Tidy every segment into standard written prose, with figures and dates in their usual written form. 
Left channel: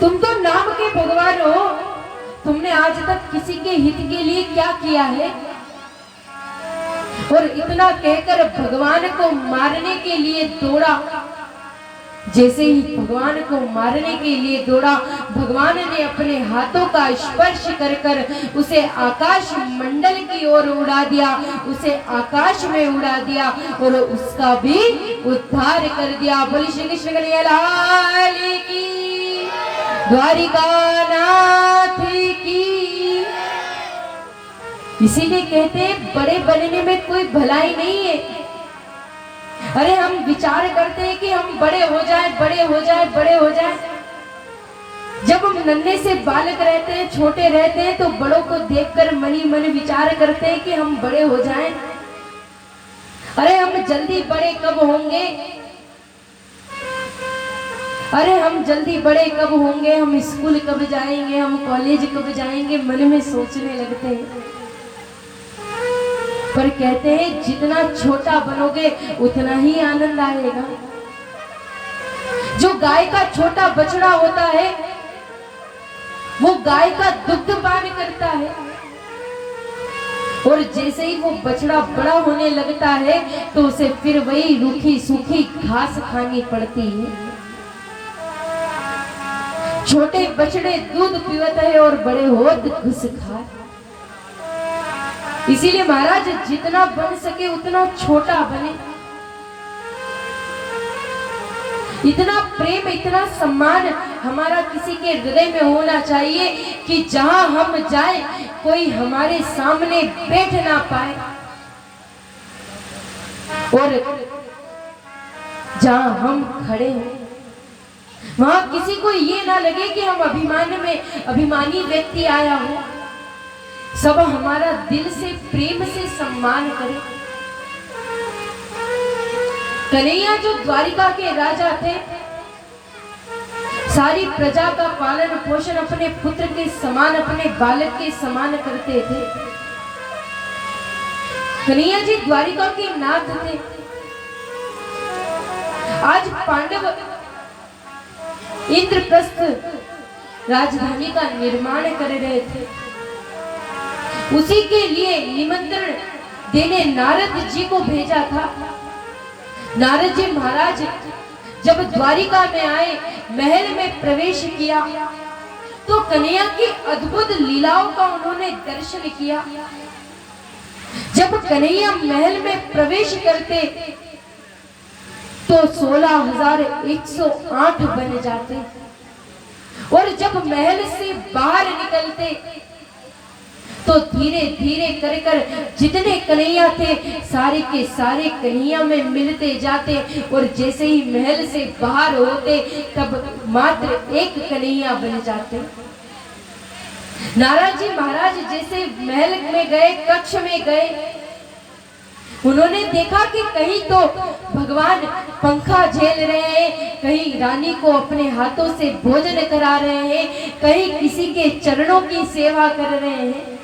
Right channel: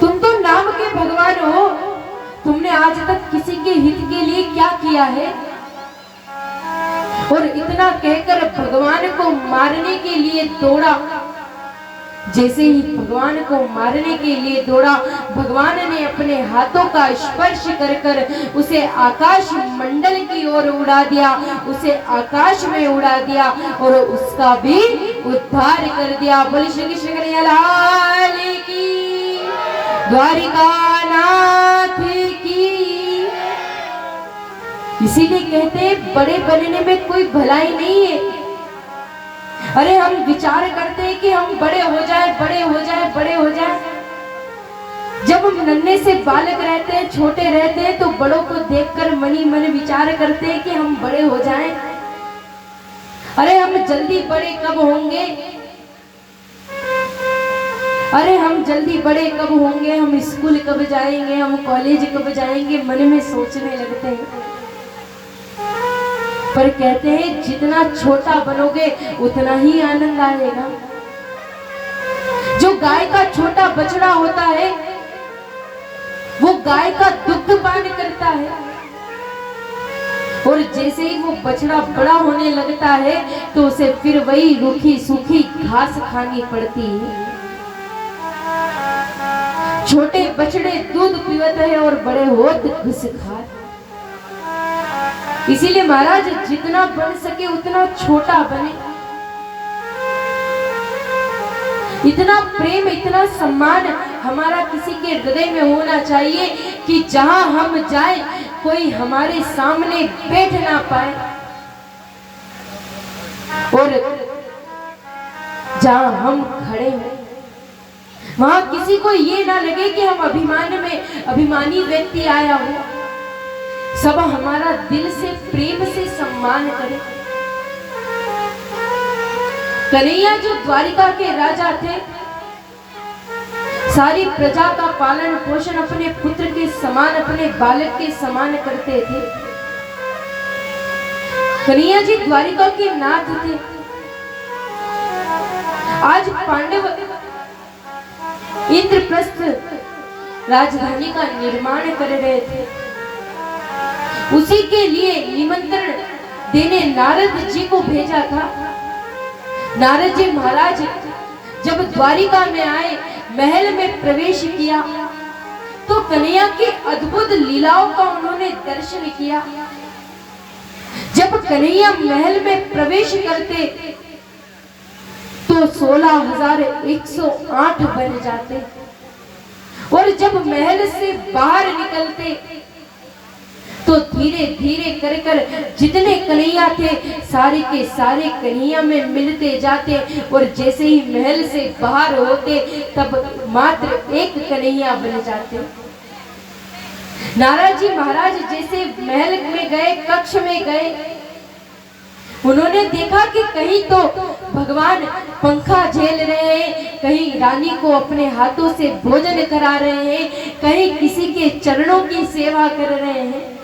तुम तो नाम के भगवान हो, तुमने आज तक किसी के हित के लिए क्या किया है? और इतना कहकर भगवान को मारने के लिए दौड़ा। जैसे ही भगवान को मारने के लिए दौड़ा, भगवान ने अपने हाथों का स्पर्श कर कर उसे आकाश मंडल की ओर उड़ा दिया, उसे आकाश में उड़ा दिया और उसका भी उद्धार कर दिया। बोलिए श्री कृष्ण कन्हैया लाल की, द्वारिका नाथ की। इसीलिए कहते हैं बड़े बनने में कोई भलाई नहीं है। अरे हम विचार करते हैं कि हम बड़े हो जाए, बड़े हो जाए, बड़े हो जाए। जब हम नन्हे से बालक रहते हैं, छोटे रहते हैं, तो बड़ों को देखकर मन ही मन विचार करते हैं कि हम बड़े हो जाएं। अरे हम जल्दी बड़े कब होंगे? अरे हम जल्दी बड़े कब होंगे? हम स्कूल कब जाएंगे? हम कॉलेज कब जाएंगे? मन में सोचने लगते हैं। पर कहते हैं जितना छोटा बनोगे उतना ही आनंद आएगा। जो गाय का छोटा बछड़ा होता है वो गाय का दुग्ध पान करता है, और जैसे ही वो बछड़ा बड़ा होने लगता है तो उसे फिर वही रूखी सूखी घास खानी पड़ती है। छोटे बछड़े दूध पीते हैं और बड़े होत घुस खाए। इसीलिए महाराज जितना बन सके उतना छोटा बने। इतना प्रेम, इतना सम्मान हमारा किसी के हृदय में होना चाहिए कि जहां हम जाएं कोई हमारे सामने बैठ ना पाए, और जहां हम खड़े हों वहां किसी को ये ना लगे कि हम अभिमानी व्यक्ति आया हो। सब हमारा दिल से प्रेम से सम्मान करें। कन्हैया जो द्वारिका के राजा थे, सारी प्रजा का पालन पोषण अपने पुत्र के समान, अपने बालक के समान करते थे। कन्हैया जी द्वारिका के नाथ थे। आज पांडव इंद्रप्रस्थ राजधानी का निर्माण कर रहे थे। उसी के लिए निमंत्रण देने नारद जी को भेजा था। नारद जी महाराज जब द्वारिका में आए, महल में प्रवेश किया तो कन्हैया की अद्भुत लीलाओं का उन्होंने दर्शन किया। जब कन्हैया महल में प्रवेश करते तो 16,108 बन जाते, और जब महल से बाहर निकलते तो धीरे धीरे कर कर जितने कन्हैया थे सारे के सारे कन्हैया में मिलते जाते, और जैसे ही महल से बाहर होते तब मात्र एक कन्हैया बन जाते। नारद जी महाराज जैसे महल में गए, कक्ष में गए, उन्होंने देखा कि कहीं तो भगवान पंखा झेल रहे हैं, कहीं रानी को अपने हाथों से भोजन करा रहे हैं, कहीं किसी के चरणों की सेवा कर रहे हैं।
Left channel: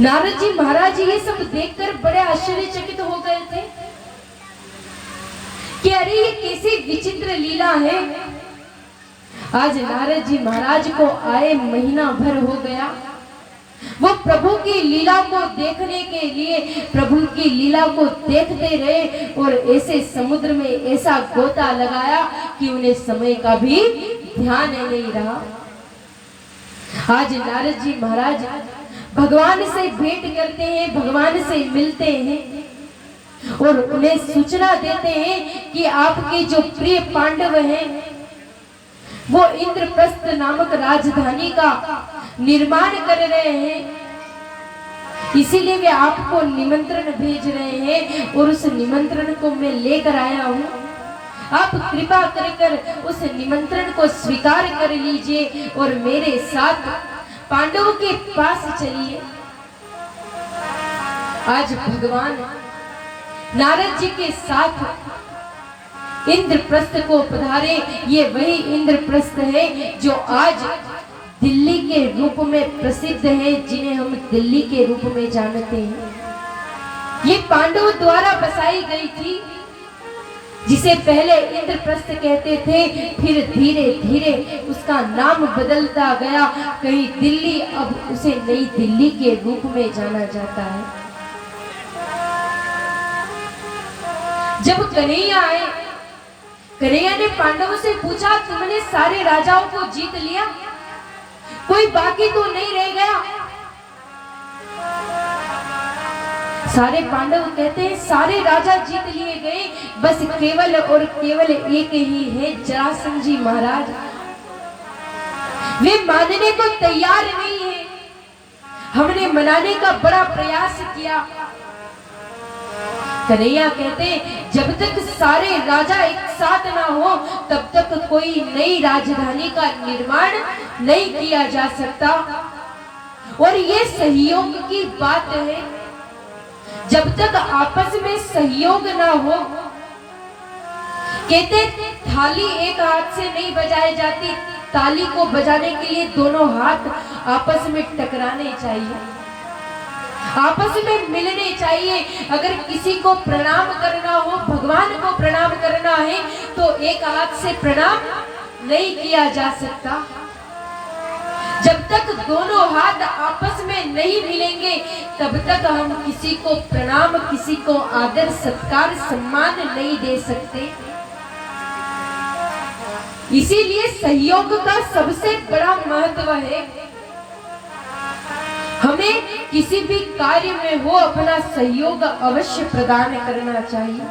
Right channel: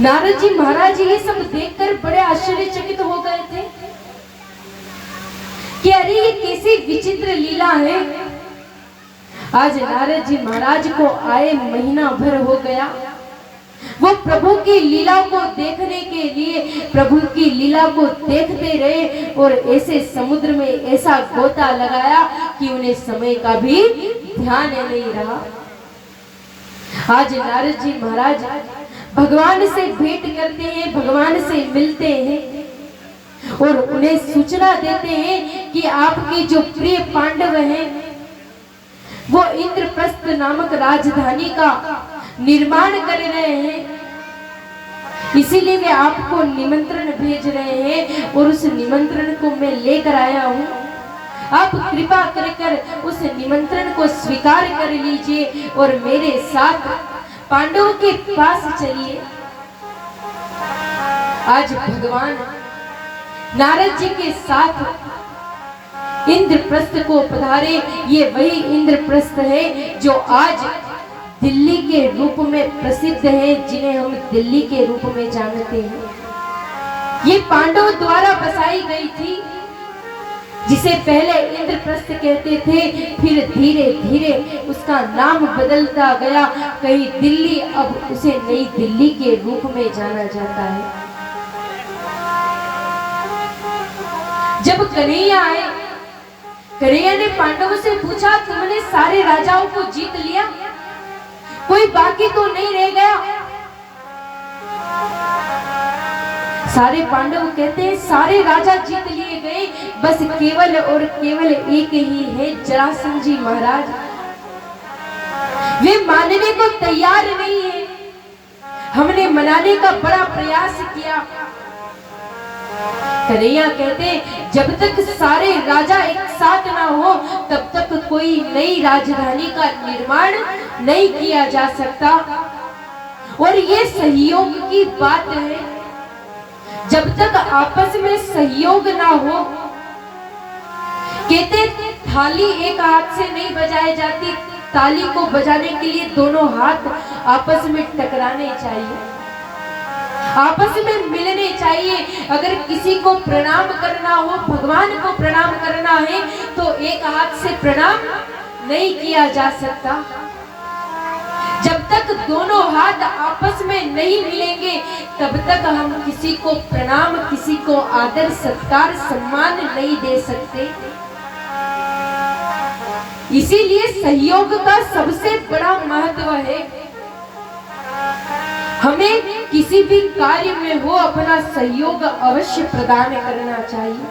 नारद जी महाराज ये सब देखकर बड़े आश्चर्यचकित हो गए थे कि अरे ये कैसी विचित्र लीला है। आज नारद जी महाराज को आए महीना भर हो गया। वो प्रभु की लीला को देखने के लिए प्रभु की लीला को देखते रहे, और ऐसे समुद्र में ऐसा गोता लगाया कि उन्हें समय का भी ध्यान नहीं रहा। आज नारद जी महाराज भगवान से भेंट करते हैं, भगवान से मिलते हैं और उन्हें सूचना देते हैं कि आपके जो प्रिय पांडव हैं वो इंद्रप्रस्थ नामक राजधानी का निर्माण कर रहे हैं, इसीलिए वे आपको निमंत्रण भेज रहे हैं और उस निमंत्रण को मैं लेकर आया हूँ। आप कृपा कर उस निमंत्रण को स्वीकार कर लीजिए और मेरे साथ पांडवों के पास चलिए। आज भगवान नारद जी के साथ इंद्रप्रस्थ को पधारे। ये वही इंद्रप्रस्थ है जो आज दिल्ली के रूप में प्रसिद्ध है, जिन्हें हम दिल्ली के रूप में जानते हैं। ये पांडवों द्वारा बसाई गई थी। जिसे पहले इंद्रप्रस्थ कहते थे, फिर धीरे धीरे उसका नाम बदलता गया। कहीं दिल्ली, अब उसे नई दिल्ली के रूप में जाना जाता है। जब कन्हैया आए, कन्हैया ने पांडवों से पूछा, तुमने सारे राजाओं को जीत लिया, कोई बाकी तो नहीं रह गया? सारे पांडव कहते हैं सारे राजा जीत लिए गए, बस केवल और केवल एक ही है, जरासंध जी महाराज। वे मानने को तैयार नहीं है। हमने मनाने का बड़ा प्रयास किया। कन्हैया कहते जब तक सारे राजा एक साथ ना हो तब तक कोई नई राजधानी का निर्माण नहीं किया जा सकता। और ये सहयोग की बात है, जब तक आपस में सहयोग ना हो, कहते थाली एक हाथ से नहीं बजाई जाती, ताली को बजाने के लिए दोनों हाथ आपस में टकराने चाहिए, आपस में मिलने चाहिए। अगर किसी को प्रणाम करना हो, भगवान को प्रणाम करना है, तो एक हाथ से प्रणाम नहीं किया जा सकता। जब तक दोनों हाथ आपस में नहीं मिलेंगे तब तक हम किसी को प्रणाम, किसी को आदर सत्कार सम्मान नहीं दे सकते। इसीलिए सहयोग का सबसे बड़ा महत्व है। हमें किसी भी कार्य में हो अपना सहयोग अवश्य प्रदान करना चाहिए,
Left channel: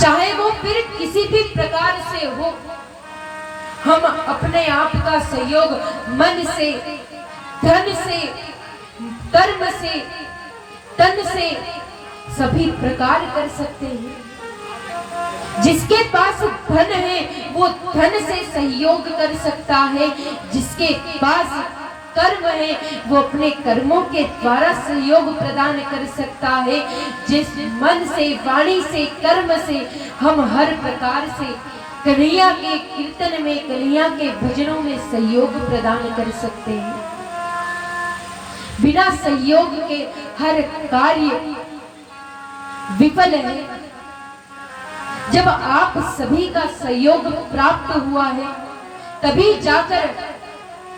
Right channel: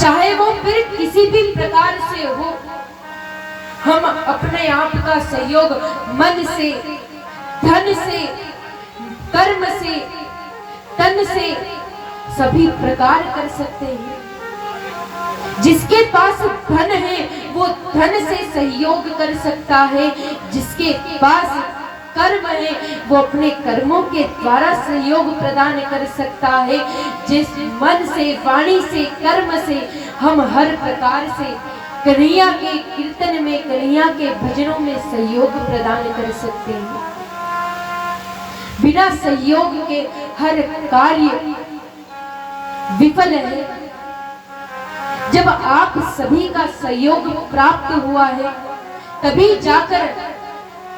चाहे वो फिर किसी भी प्रकार से हो। हम अपने आप का सहयोग मन से, धन से, कर्म से, तन से सभी प्रकार कर सकते हैं। जिसके पास धन है वो धन से सहयोग कर सकता है, जिसके पास कर्म है वो अपने कर्मों के द्वारा सहयोग प्रदान कर सकता है। जिस मन से, वाणी से, कर्म से हम हर प्रकार से कन्हैया के कीर्तन में, कन्हैया के भजनों में सहयोग प्रदान कर सकते हैं। बिना सहयोग के हर कार्य विफल है। जब आप सभी का सहयोग प्राप्त हुआ है तभी जाकर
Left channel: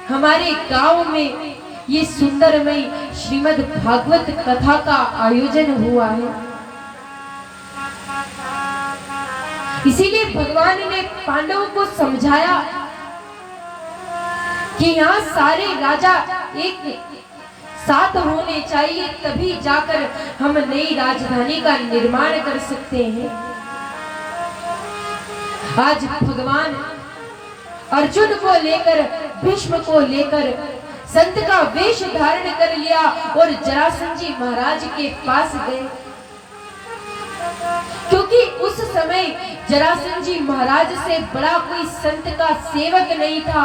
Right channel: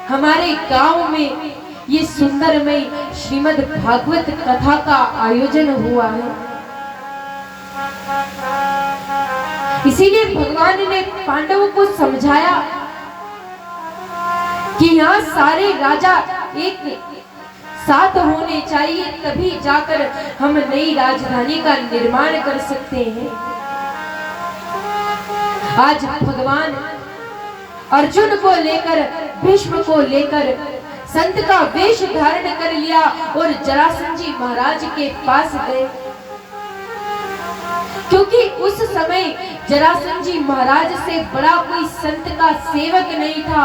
हमारे गांव में ये सुंदरमय श्रीमद् भागवत कथा का आयोजन हुआ है। इसीलिए भगवान ने पांडवों को समझाया कि यहाँ सारे राजा एक साथ होने चाहिए, तभी जाकर हम नई राजधानी का निर्माण कर सकते हैं। आज भगवान अर्जुन को लेकर, भीष्म को लेकर संत का वेश धारण कर लिया और जरासंध जी महाराज के पास गए, क्योंकि उस समय जरासंध जी महाराज से बड़ा कोई संत का सेवक नहीं था।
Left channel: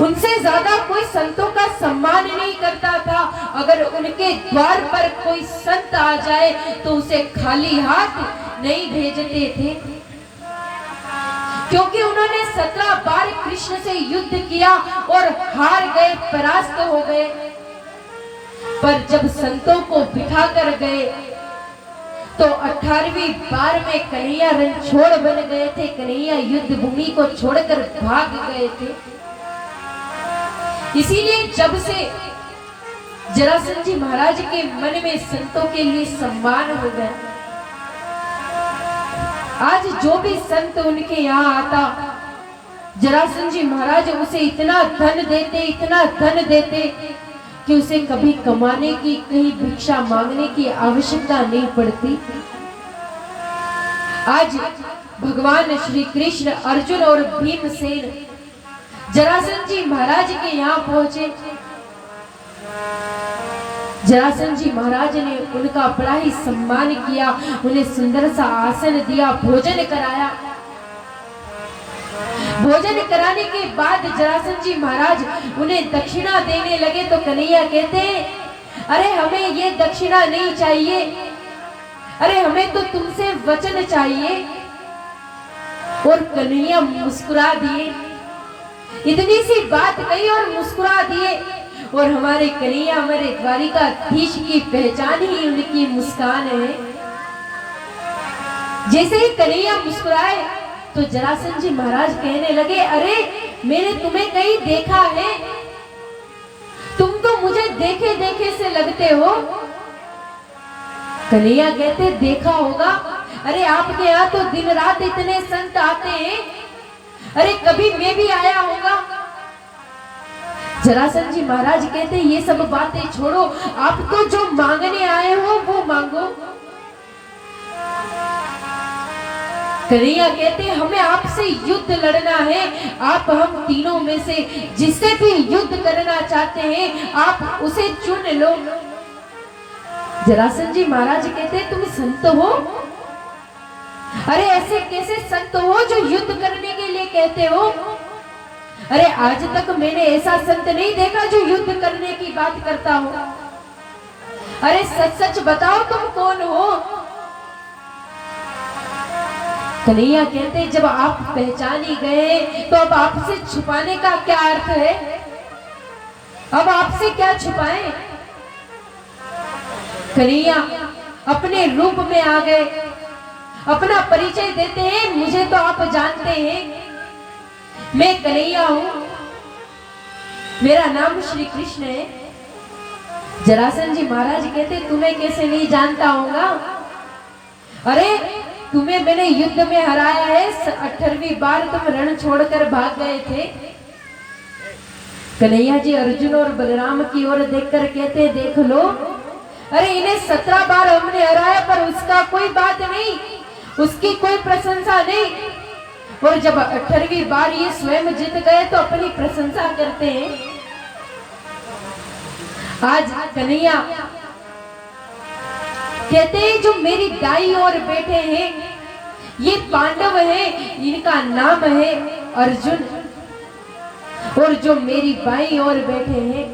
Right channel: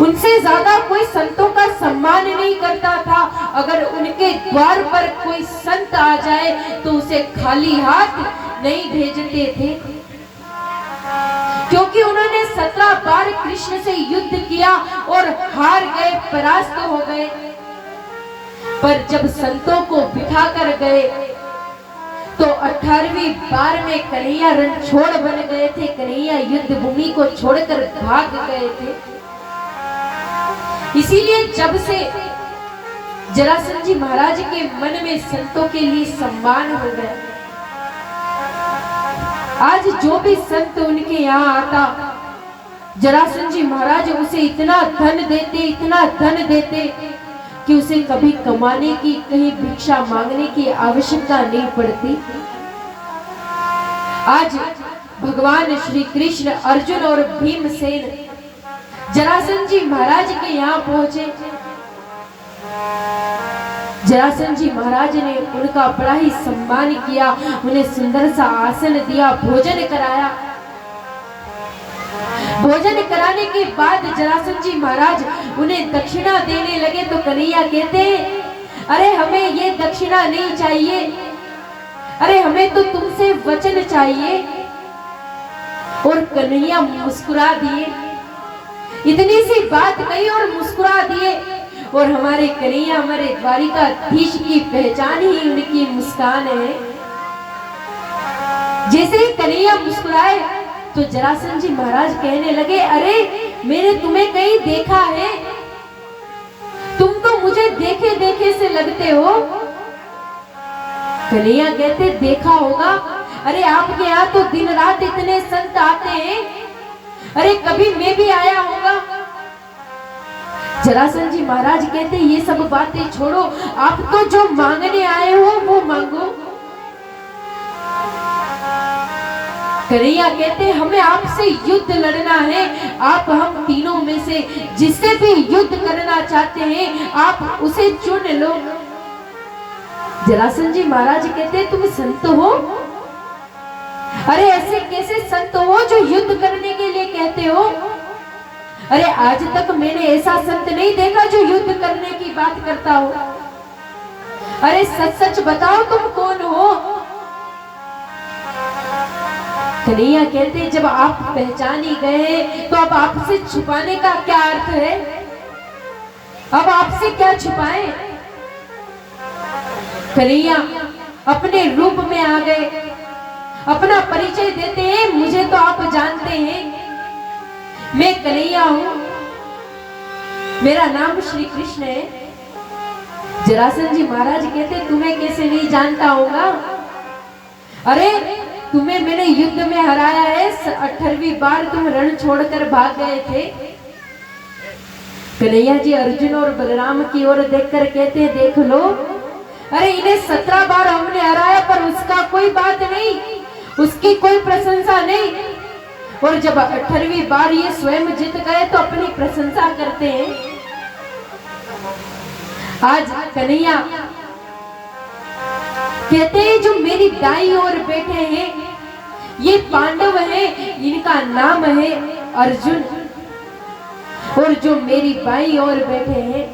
उनसे ज्यादा कोई संतों का सम्मान नहीं करता था। अगर उनके द्वार पर कोई संत आ जाए तो उसे खाली हाथ नहीं भेजते थे, क्योंकि उन्होंने 17 बार कृष्ण से युद्ध किया और हार गए, परास्त हो गए। पर जब संतों को बिठा कर गए तो 18वीं बार में कन्हैया रणछोड़ बन गए थे। कन्हैया युद्ध भूमि को छोड़कर भाग गए थे। इसीलिए जब से जरासंध जी महाराज के मन में संतों के लिए सम्मान हो गया, आज जो भी संत उनके यहाँ आता, जरासंध जी महाराज उसे इतना धन देते, इतना धन देते कि उसे कभी कमाने की, कहीं भिक्षा मांगने की आवश्यकता नहीं पड़ती। आज भगवान श्री कृष्ण, अर्जुन और भीमसेन जरासंध जी महाराज के यहाँ पहुंचे। जरासंध जी महाराज ने उनका बड़ा ही सम्मान किया, उन्हें सुंदर सा आसन दिया, भोजन कराया। भोजन कराने के बाद जरासंध जी महाराज उन्हें दक्षिणा देने लगे तो कन्हैया कहते हैं, अरे हमें ये दक्षिणा नहीं चाहिए, अरे हमें तो तुमसे वचन चाहिए। और कन्हैया मुस्कुरा दिए, इतनी सी बात कही और मुस्कुरा दिए। और हमारे कन्हैया, हमारे द्वारिकाधीश की पहचान ही उनकी मुस्कान है। जैसे ही कन्हैया मुस्कुराए तो जरासंध जी महाराज कहने लगे, अरे मैंने तुम्हें कहीं देखा है, तुम तो मुझे देखे देखे से लगते हो। कन्हैया कहते, देखा होगा, अरे आपके यहाँ तो दिन रात इतने संत आते हैं, अरे कभी मैं भी आया होगा। जरासंध जी महाराज कहते, ये सब बातें छोड़ो, आप तो जो मांगने आए हो वो मांगो। कन्हैया कहते, हमें आपसे युद्ध लड़ना है, आप हम तीनों में से जिससे भी युद्ध करना चाहते हैं आप उसे चुन लो। जरासंध जी महाराज कहते, तुम संत हो? अरे ऐसे कैसे संत हो जो युद्ध करने के लिए कहते हो? अरे आज तक मैंने ऐसा संत नहीं देखा जो युद्ध करने की बात करता हो। अरे सच सच बताओ तुम कौन हो? कन्हैया कहते, जब आप पहचान ही गए तो अब आपसे छुपाने का क्या अर्थ है? अब आपसे क्या छुपाएं? कन्हैया अपने रूप में आ गए, अपना परिचय देते हैं, मुझे तो आप जानते हैं, मैं कन्हैया हूं, मेरा नाम श्री कृष्ण है। जरासंध जी महाराज कहते, तुम्हें कैसे नहीं जानता होगा? अरे तुम्हें मैंने युद्ध में हराया है, 18वीं बार तुम रण छोड़कर भाग गए थे। कन्हैया जी अर्जुन और बलराम की ओर देखकर कहते, देख लो, अरे इन्हें 17 बार हमने हराया पर उसका कोई बात नहीं, उसकी कोई प्रशंसा नहीं, और जब 18वीं बार ये स्वयं जीत गए तो अपनी प्रशंसा करते हैं। आज कन्हैया कहते हैं, जो मेरी दाई ओर बैठे हैं ये पांडव हैं, इनका नाम है अर्जुन, और जो मेरी बाई ओर बैठे हैं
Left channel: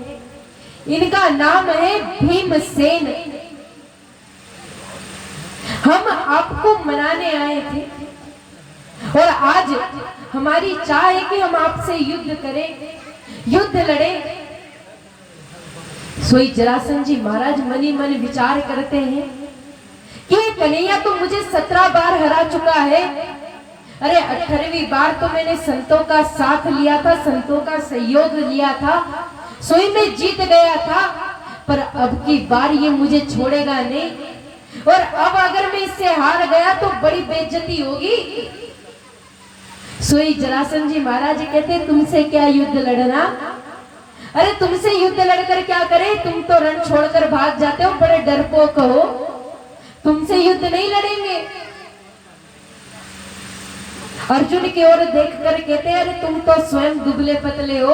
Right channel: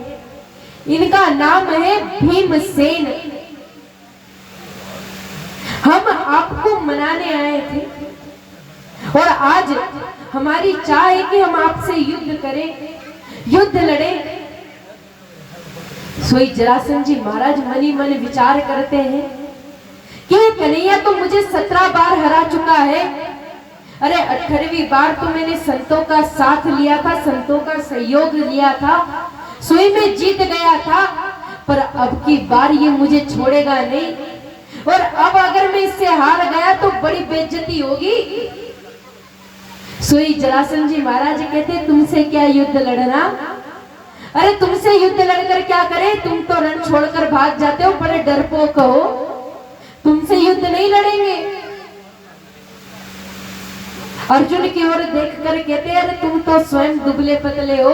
इनका नाम है भीमसेन। हम आपको मनाने आए थे और आज हमारी चाह है कि हम आपसे युद्ध करें, युद्ध लड़ें। सोई जरासंध जी महाराज मनी मन विचार करते हैं कि कन्हैया तो मुझे 17 बार हरा चुका है, अरे 18वीं बार तो मैंने संतों का साथ लिया था, संतों का सहयोग लिया था, सोई में जीत गया था, पर अब की बार ये मुझे छोड़ेगा नहीं, और अब अगर मैं इससे हार गया तो बड़ी बेइज्जती होगी। सोई जरासंध जी महाराज कहते, तुमसे क्या युद्ध लड़ना? अरे तुमसे युद्ध लड़कर क्या करे, तुम तो रण छोड़कर भाग जाते हो, बड़े डरपोक हो, तुमसे युद्ध नहीं लड़ेंगे। अर्जुन की ओर देखकर कहते, अरे तुम तो स्वयं दुबले पतले हो,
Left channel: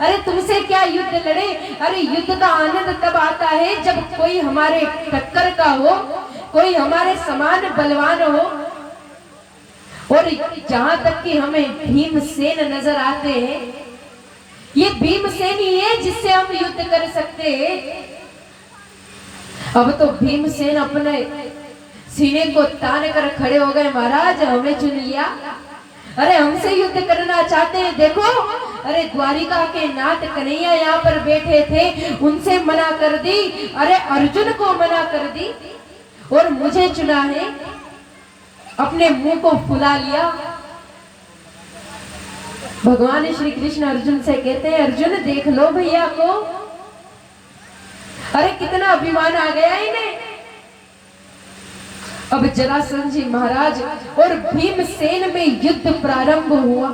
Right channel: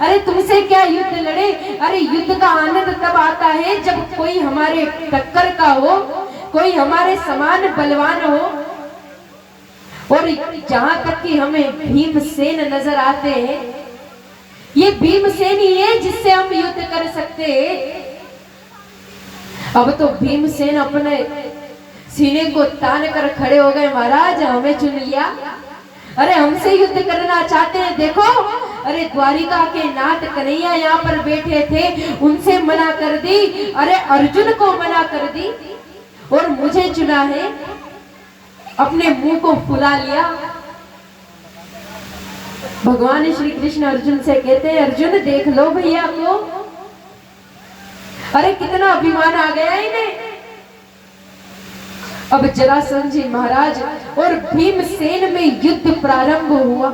अरे तुमसे क्या युद्ध लड़े? अरे युद्ध का आनंद तब आता है जब कोई हमारे टक्कर का हो, कोई हमारे समान बलवान हो, और जहां तक कि हमें भीमसेन नजर आते हैं, ये भीमसेन ही है जिससे हम युद्ध कर सकते हैं। अब तो भीमसेन अपने सीने को तान कर खड़े हो गए, महाराज हमें चुन लिया, अरे हमसे युद्ध करना चाहते हैं। देखो, अरे द्वारिका के नाथ कन्हैया यहाँ पर बैठे थे, उनसे मना कर दी, अरे अर्जुन को मना कर दी, और मुझे चुना है, अपने मुंह को फुला लिया। भगवान श्री कृष्ण अर्जुन से कहते हैं, अर्जुन देख लो भैया को, अरे कितना अभिमान आ गया इन्हें। अब जरासंध जी महाराज और भीमसेन में युद्ध प्रारंभ हुआ।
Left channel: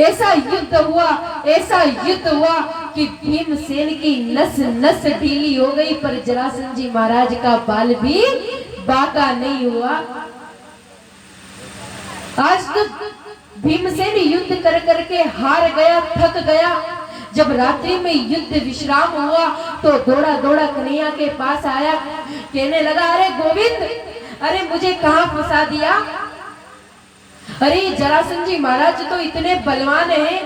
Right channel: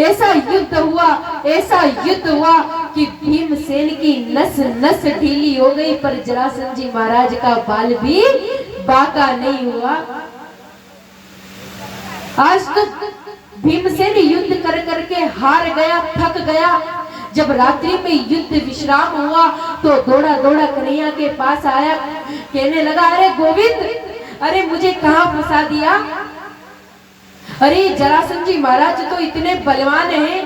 ऐसा युद्ध हुआ, ऐसा युद्ध हुआ कि भीमसेन की नस नस ढीली हो गई, पर जरासंध जी महाराज का बाल भी बाका नहीं हुआ। आज तो भीमसेन युद्ध कर करके हार गया, थक गया। जब रात्रि में युद्ध विश्राम हुआ तो दौड़ा दौड़ा कन्हैया के पास आया, कहने लगा, अरे गोविंद, अरे मुझे कहां फंसा दिया? अरे जरासंध जी महाराज तो इतने बलवान हैं,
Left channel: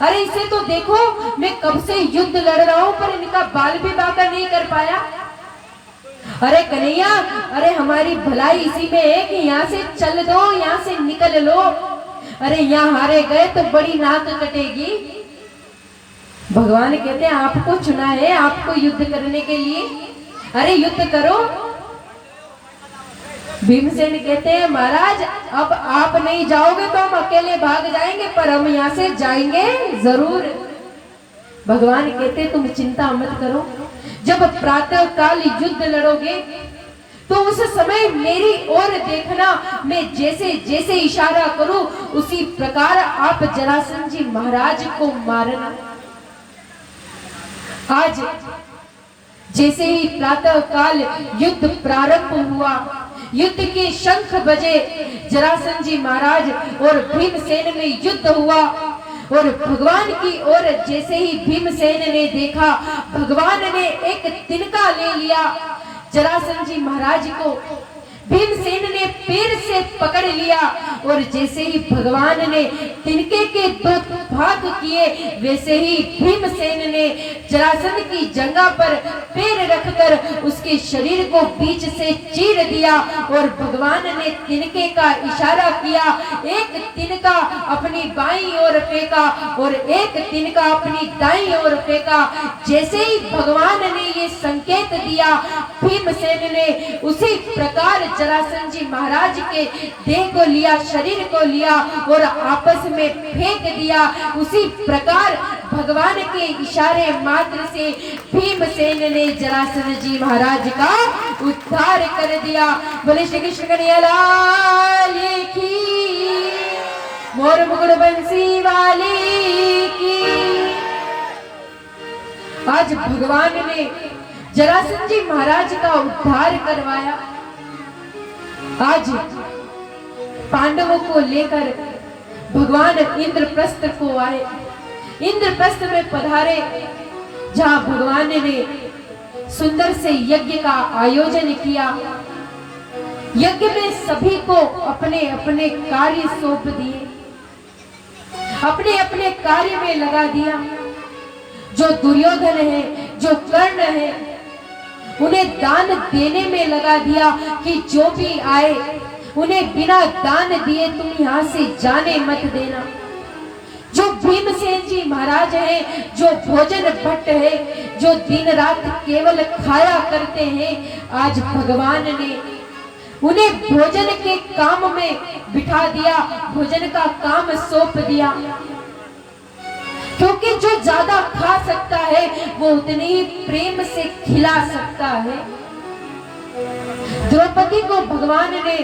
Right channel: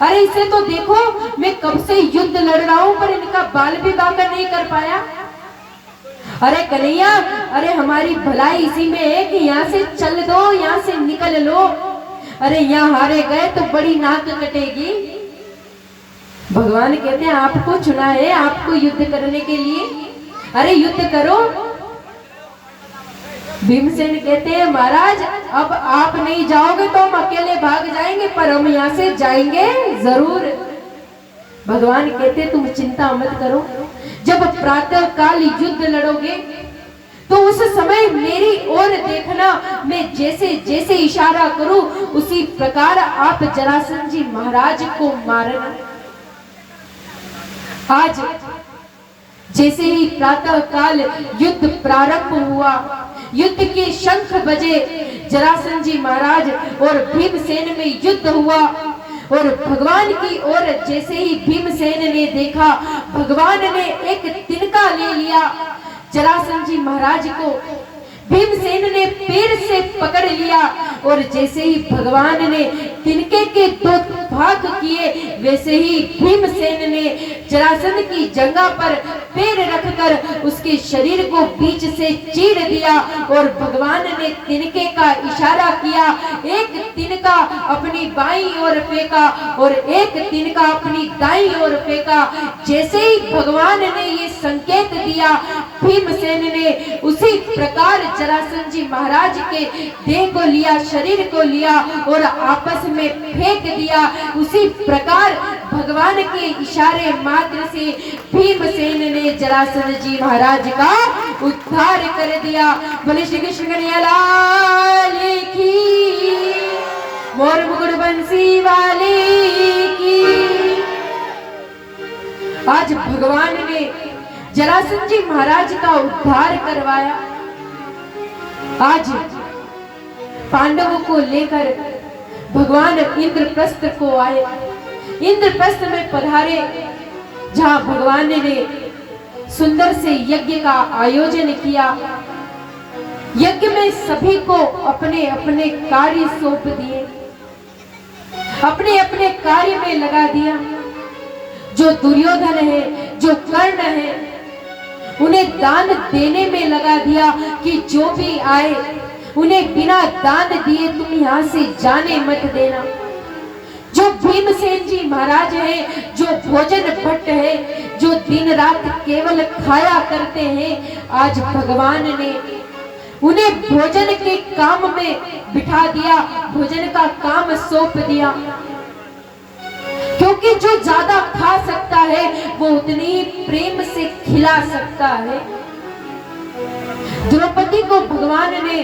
अरे इसे तो देखो, मैं कब से युद्ध लड़ रहा हूं पर इनका बाल भी बाका नहीं कर पाया। अरे कन्हैया, अरे हमारी भलाई इसी में है कि यहाँ से चल दो, यहाँ से निकल लो, अरे यहाँ हारे गए तो बड़ी नाक कटेगी। भगवान कहते हैं, आपको चुना है, आपको युद्ध करने के लिए, अरे युद्ध करो। भीमसेन कहते हैं महाराज अब आप नहीं जाओगे तो हम अकेले भाग जाएंगे, पर हम यहाँ से जाएंगे जरूर। भगवान कहते तुम चिंता मत करो, जब प्रातः काल युद्ध लड़ोगे तो उस समय मेरी ओर देखना, मैं जैसे जैसे इशारा करूं उसी प्रकार आप जरासंध जी महाराज को मारना। आज जैसे ही प्रातः काल युद्ध प्रारंभ हुआ, युद्ध के शंख बजे, जरासंध जी महाराज और भीमसेन में युद्ध हुआ और भगवान की ओर जैसे ही भीमसेन ने देखा, भगवान ने एक तिनका ले लिया जरासंध जी महाराज को। भीमसेन ने पैर से पकड़ लिया और जैसे ही भगवान ने तिनके के दो भाग किए, वैसे ही भीमसेन ने जरासंध की जंघा पर पैर रखकर उसके शरीर को बीच से चीर दिया और भगवान ने तिनके का इशारा किया। एक तिनका अपनी बाईं ओर फेंका और एक तिनका अपनी दाईं ओर फेंका। जैसे ही भगवान ने ये संकेत दिया, भीमसेन ने उसी प्रकार जरासंध जी महाराज के देह को लिया, शरीर को लिया और आपस में फेंक दिया। उसी प्रकार भगवान के इशारे मात्र से भीमसेन ने जरासंध जी महाराज का उद्धार कर दिया। बोले श्री कृष्ण कन्हैया लाल की, मोर मुकुट बंसी वाले की। आज भगवान ने जरासंध जी महाराज का उद्धार करवाया। आज पांडवों को लेकर भगवान इंद्रप्रस्थ को आए। इंद्रप्रस्थ में पधारे, जहां भगवान ने सुंदर से यज्ञ का आयोजन किया। यज्ञ में सभी को अपने अपने कार्य सौंप दिए, अपने अपने कार्य में लगा दिया। जो दुर्योधन है, जो कर्ण है, उन्हें दान देने में लगा दिया कि जो भी आए उन्हें बिना दान दिए तुम यहाँ से जाने मत देना। जो भीमसेन जी महाराज है, जो भोजन भट्ट है, जो दिन रात केवल खाया करते हैं, आज भगवान ने उन्हें भोजन के काम में बिठा दिया, भोजन का काम सौंप दिया। क्योंकि जो ज्यादा खा सकता है वो उतने ही प्रेम से खिला सकता है। द्रौपदी को भगवान ने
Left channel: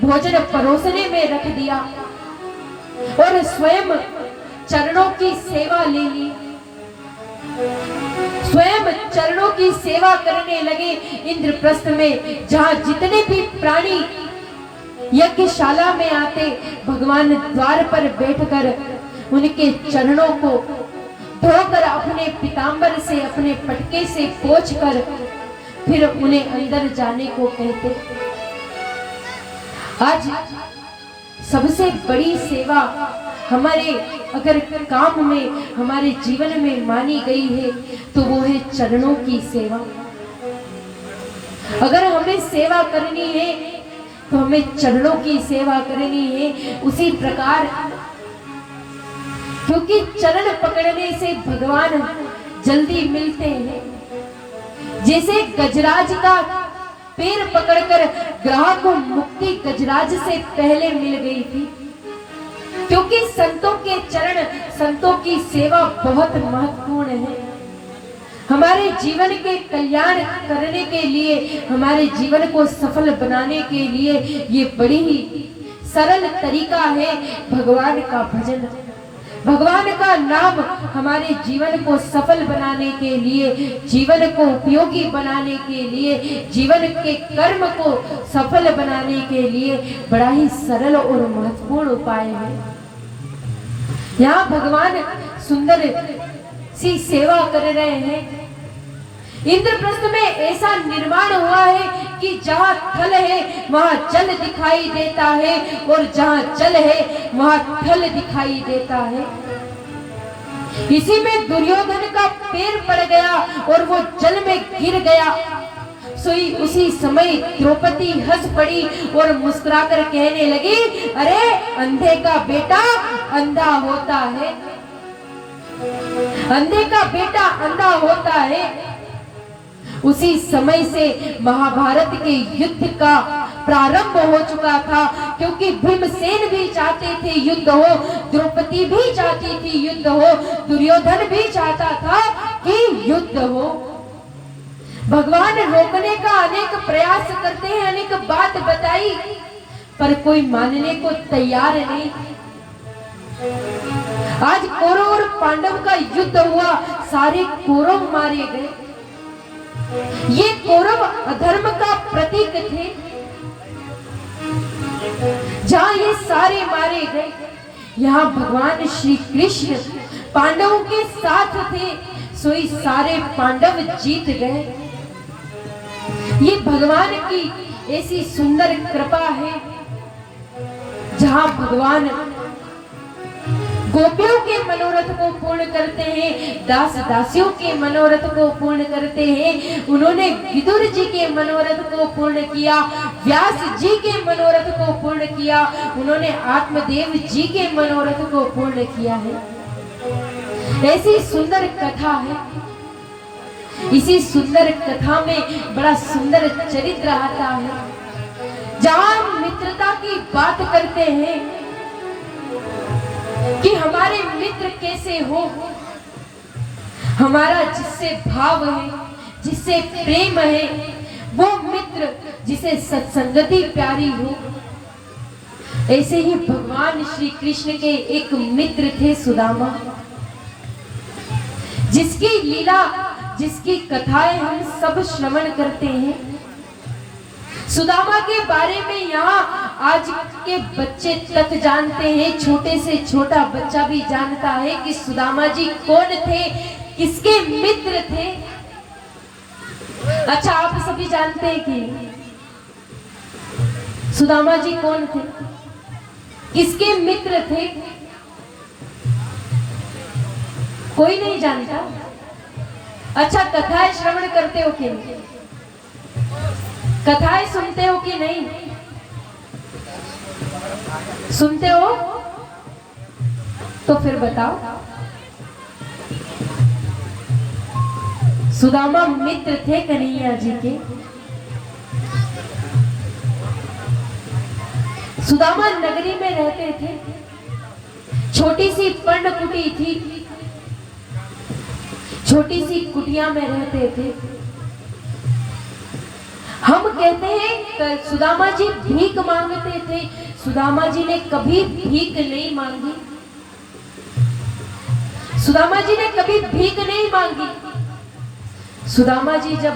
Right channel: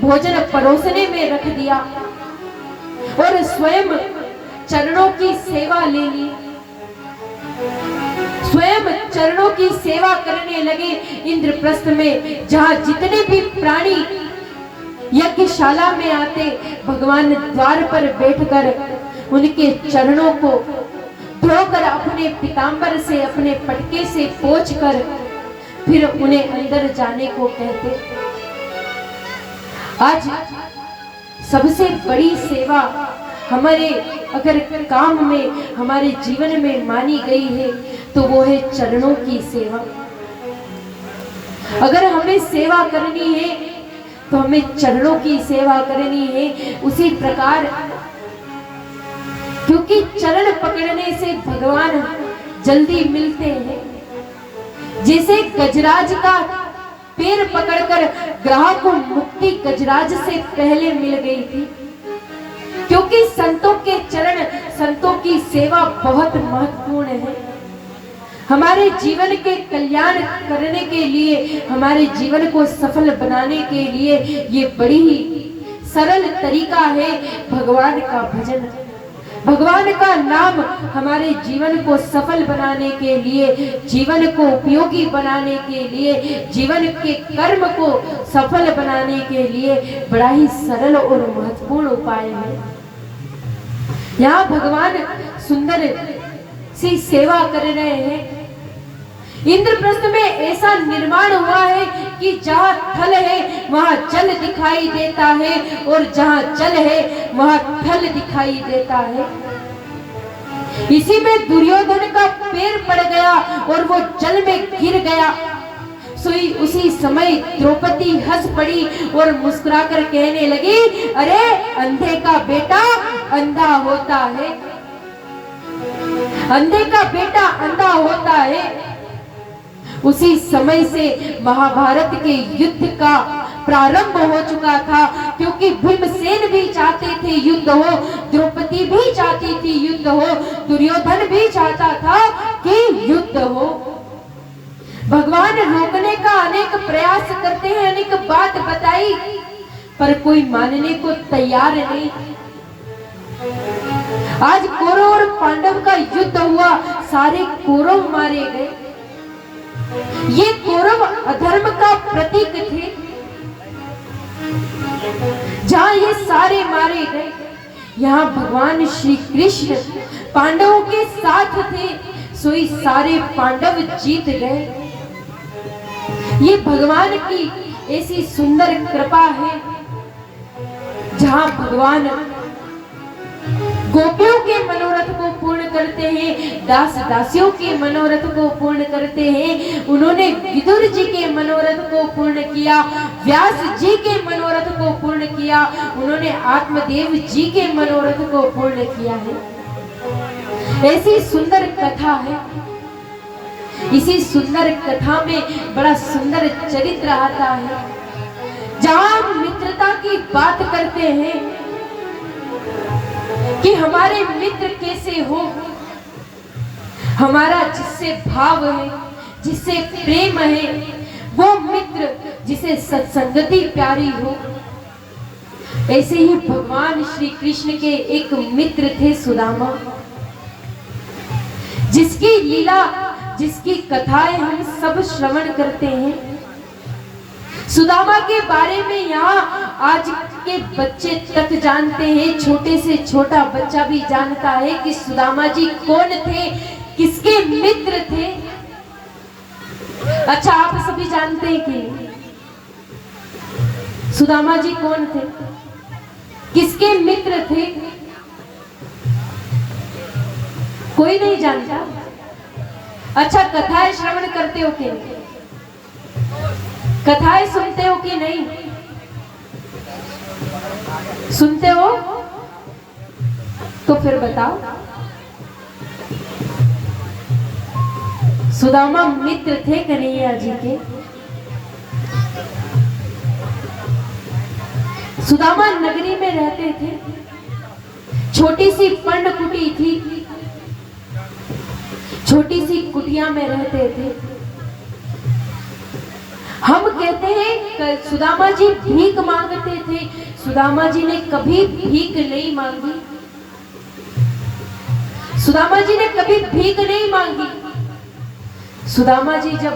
भोजन परोसने में रख दिया और स्वयं चरणों की सेवा ले ली। स्वयं चरणों की सेवा करने लगे इंद्रप्रस्थ में। जहां जितने भी प्राणी यज्ञशाला में आते, भगवान द्वार पर बैठकर उनके चरणों को धोकर अपने पीतांबर से, अपने पटके से पोंछकर फिर उन्हें अंदर जाने को कहते। आज सबसे बड़ी सेवा हमारे अगर काम में, हमारे जीवन में मानी गई है तो वो है चरणों की सेवा। अगर हमें सेवा करनी है तो हमें चरणों की सेवा करनी है। उसी प्रकार, क्योंकि चरण पकड़ने से भगवान जल्दी मिलते हैं। जैसे गजराज का पैर पकड़कर ग्राहक को मुक्ति गजराज से पहले मिल गई थी। क्योंकि संतों के चरण, संतों की सेवा बहुत महत्वपूर्ण है। हमारे जीवन के कल्याण करने के लिए, हमारे जीवन को सफल बनाने के लिए ये बड़ी ही सरल तरीका है भगवान का भजन। भगवान का नाम हमारे जीवन को सफल बनाने के लिए, जीवन को उपयोगी बनाने के लिए, जीवन के कर्म को सफल बनाने के लिए बड़ा ही सरल और महत्वपूर्ण उपाय है। यहाँ भगवान सुंदर सी सेवा कर रहे हैं। इंद्रप्रस्थ में ऐसा निर्माण हुआ है कि जहाँ थल है वहाँ जल दिखाई देता है और जहाँ जल है वहाँ थल दिखाई देता है। इसी में दुर्योधन का पैर पड़ गया और वो जल में गिर गया। सोई उसी समय द्रौपदी हंस पड़ी और मुस्कुराकर कहने लगी, अरे अंधे का बेटा अंधा होता है, अंधे का बेटा अंधा होता है। उसी समय से महाभारत के युद्ध का प्रारंभ हो चुका था, क्योंकि भीमसेन भी चाहते थे युद्ध हो, द्रौपदी भी चाहती थी युद्ध हो, दुर्योधन भी चाहता था कि युद्ध हो। भगवान रोकने का अनेक प्रयास करते हैं, अनेक बात बताई, पर कोई मानने को तैयार नहीं। आज कौरव और पांडव का युद्ध हुआ, सारे कौरव मारे गए। ये कौरव अधर्म का प्रतीक थे। जहां ये सारे मारे गए, यहाँ भगवान श्री कृष्ण पांडवों के साथ थे, सोई सारे पांडव जीत गए। ये भगवान की ऐसी सुंदर कृपा है, जहां भगवान गोपियों के मनोरथ को पूर्ण करते हैं, दास दासियों के मनोरथ को पूर्ण करते हैं। उन्होंने विदुर जी के मनोरथ को पूर्ण किया, व्यास जी के मनोरथ को पूर्ण किया, उन्होंने आत्मदेव जी के मनोरथ को पूर्ण किया है। ऐसी सुंदर कथा है। इसी सुंदर कथा में बड़ा सुंदर चरित्र आता है, जहां मित्रता की बात करते हैं कि हमारे मित्र कैसे हो। हमारा जिससे भाव है, जिससे प्रेम है, वो मित्र जिसे सत्संगति प्यारी हो। ऐसे ही भगवान श्री कृष्ण के एक मित्र थे सुदामा, जिसकी लीला, जिसकी कथाएं हम सब श्रवण करते हैं। सुदामा के बारे में यहाँ आज के बच्चे तक जानते हैं, छोटे से छोटा बच्चा भी जानता है कि सुदामा जी कौन थे, किसके मित्र थे। अच्छा, आप सभी जानते हैं कि सुदामा जी कौन थे, किसके मित्र थे? कोई नहीं जानता। अच्छा, कथाएं श्रवण करते हो कि नहीं? कथाएं सुनते हो कि नहीं? सुनते हो तो फिर बताओ। सुदामा मित्र थे कन्हैया जी के। सुदामा नगरी में रहते थे, छोटी सी पर्णकुटी थी, छोटी सी कुटिया में रहते थे। हम कहते हैं सुदामा जी भीख मांगते थे, सुदामा जी ने कभी भीख नहीं मांगी। सुदामा जी ने कभी भीख नहीं मांगी। सुदामा जी जब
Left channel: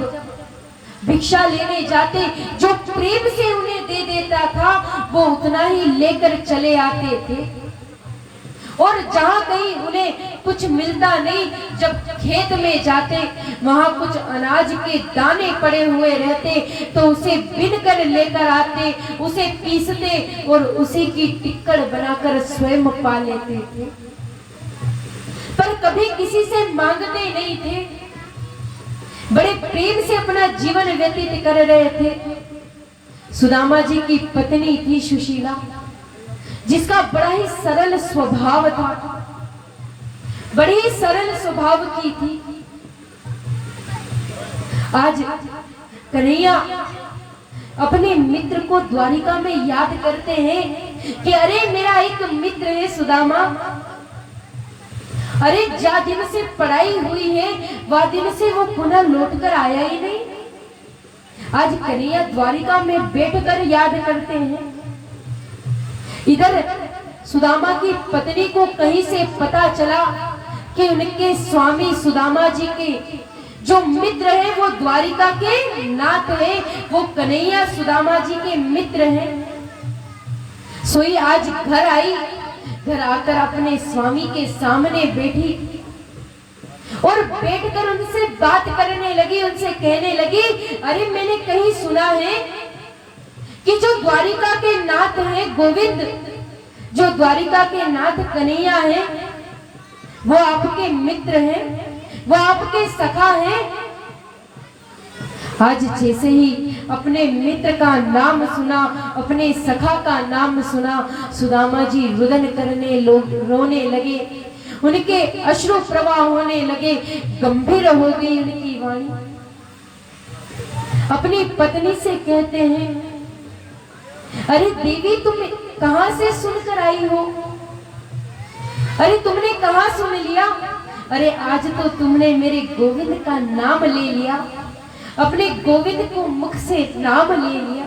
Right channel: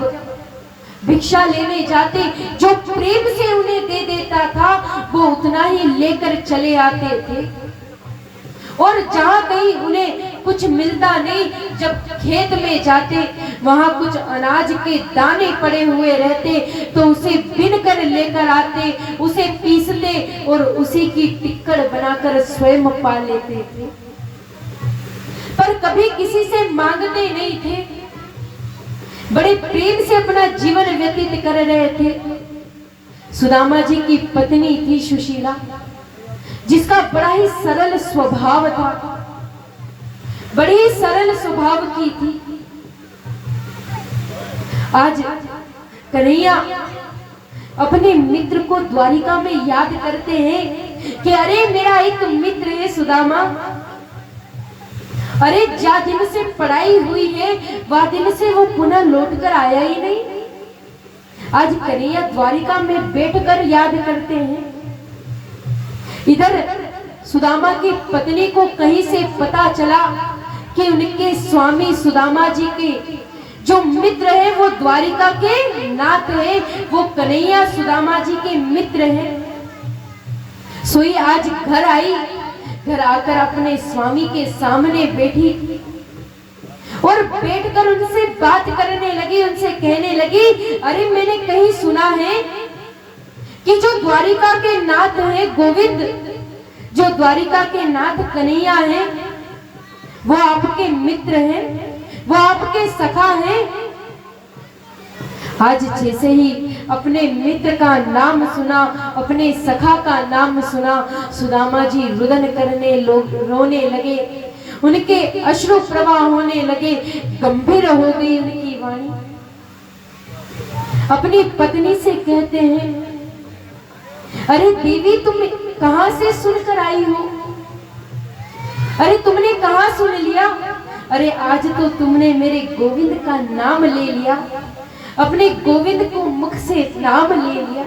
भिक्षा लेने जाते, जो प्रेम से उन्हें दे देता था, वो उतना ही लेकर चले आते थे। और जहां कहीं उन्हें कुछ मिलता नहीं, जब खेत में जाते, वहां कुछ अनाज के दाने पड़े हुए रहते, तो उसे बिन कर लेकर आते, उसे पीसते और उसी की टिक्कड़ बनाकर स्वयं पा लेते थे। पर कभी किसी से मांगते नहीं थे, बड़े प्रेम से अपना जीवन व्यतीत कर रहे थे। सुदामा जी की पत्नी थी सुशीला, जिसका बड़ा ही सरल स्वभाव था, बड़ी ही सरल स्वभाव की थी। आज कन्हैया अपने मित्र को द्वारिका में याद करते हैं कि अरे मेरा एक मित्र है सुदामा, अरे जा दिन से पढ़ाई हुई है, वह दिन से वो पुनः लौट कर आया ही नहीं। आज कन्हैया द्वारिका में बैठकर याद करते हैं। इधर सुदामा की पत्नी को कहीं से पता चला कि उनके स्वामी सुदामा जी के जो मित्र है वो द्वारिका के नाथ है, वो कन्हैया सुदामा जी के मित्र हैं। सोई आज घर आई, घर आकर अपने स्वामी के सामने बैठी और बैठकर उनसे बात करने लगी, उनसे कहने लगी, अरे मैंने कहीं सुना है कि जो द्वारिका के नाथ है गोविंद, जो द्वारिका के नाथ कन्हैया है, वो आपके मित्र हैं, वो आपके सखा हैं। आज जैसे ही अपने मित्र का नाम सुना, अपने सखा का नाम सुना, सुदामा जी रुदन करने, लोग रोने लगे, उनके अश्रु प्रवाह होने लगे, गंभीर हो गई उनकी वाणी। अपनी पत्नी से कहते हैं, अरे देवी, तुम कहां से सुनकर आई हो? अरे तुमने कहां सुन लिया? अरे आज तो तुमने मेरे गोविंद का नाम ले लिया, अपने गोविंद को मुख से नाम ले लिया।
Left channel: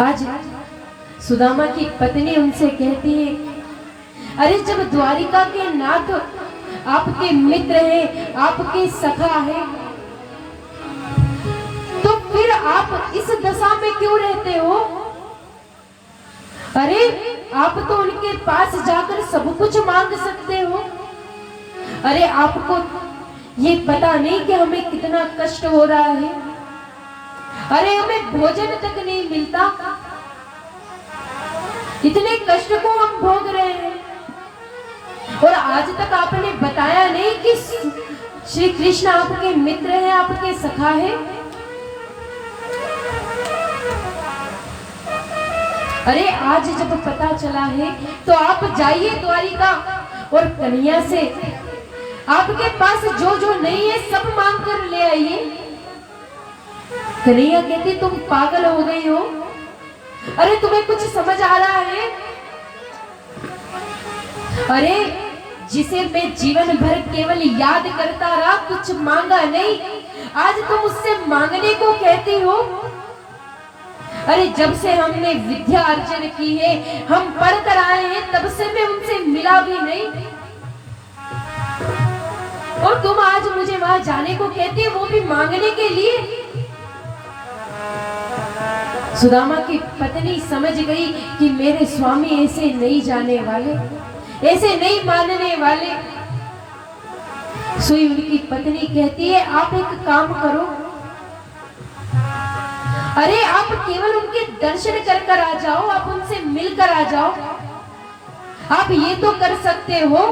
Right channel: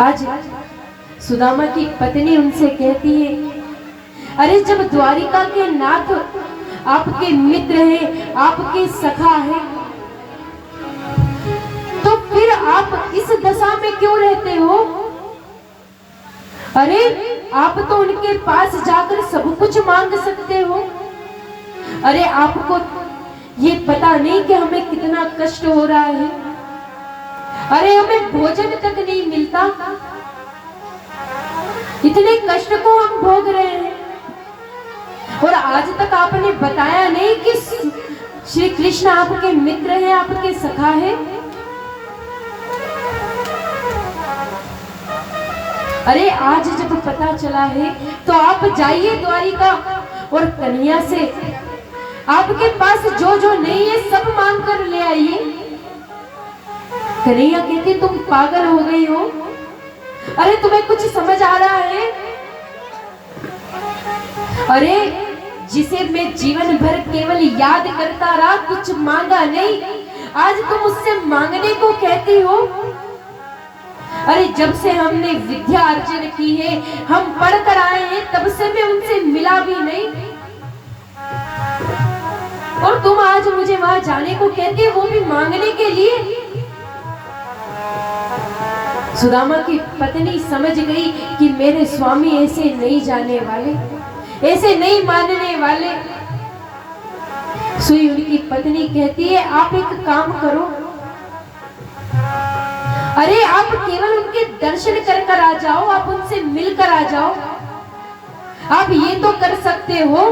आज सुदामा की पत्नी उनसे कहती है, अरे जब द्वारिका के नाथ आपके मित्र हैं, आपके सखा हैं, तो फिर आप इस दशा में क्यों रहते हो? अरे आप तो उनके पास जाकर सब कुछ मांग सकते हो। अरे आपको ये पता नहीं कि हमें कितना कष्ट हो रहा है? अरे हमें भोजन तक नहीं मिलता, इतने कष्ट को हम भोग रहे हैं, और आज तक आपने बताया नहीं कि श्री कृष्ण आपके मित्र हैं, आपके सखा हैं। अरे आज जब पता चला है तो आप जाइए द्वारिका और कन्हैया से आपके पास जो जो नहीं है सब मांग कर ले आइए। कन्हैया कहती, तुम पागल हो गई हो? अरे तुम्हें कुछ समझ आ रहा है? अरे जिसे मैं जीवन भर केवल याद करता रहा, कुछ मांगा नहीं, आज तुम उससे मांगने को कहती हो? अरे जब से हमने विद्या अर्जन की है, हम पढ़ कर आए हैं, तब से मैं उनसे मिला भी नहीं, और तुम आज मुझे वहां जाने को कहती हो, वो भी मांगने के लिए। सुदामा की पत्नी समझ गई कि मेरे स्वामी ऐसे नहीं जाने वाले, ऐसे नहीं मानने वाले। सुई उनकी पत्नी कहती है, आप एक काम करो, अरे आप केवल उनके दर्शन कर आ जाओ, आप उनसे मिलकर आ जाओ, आप ये तो कर सकते हो,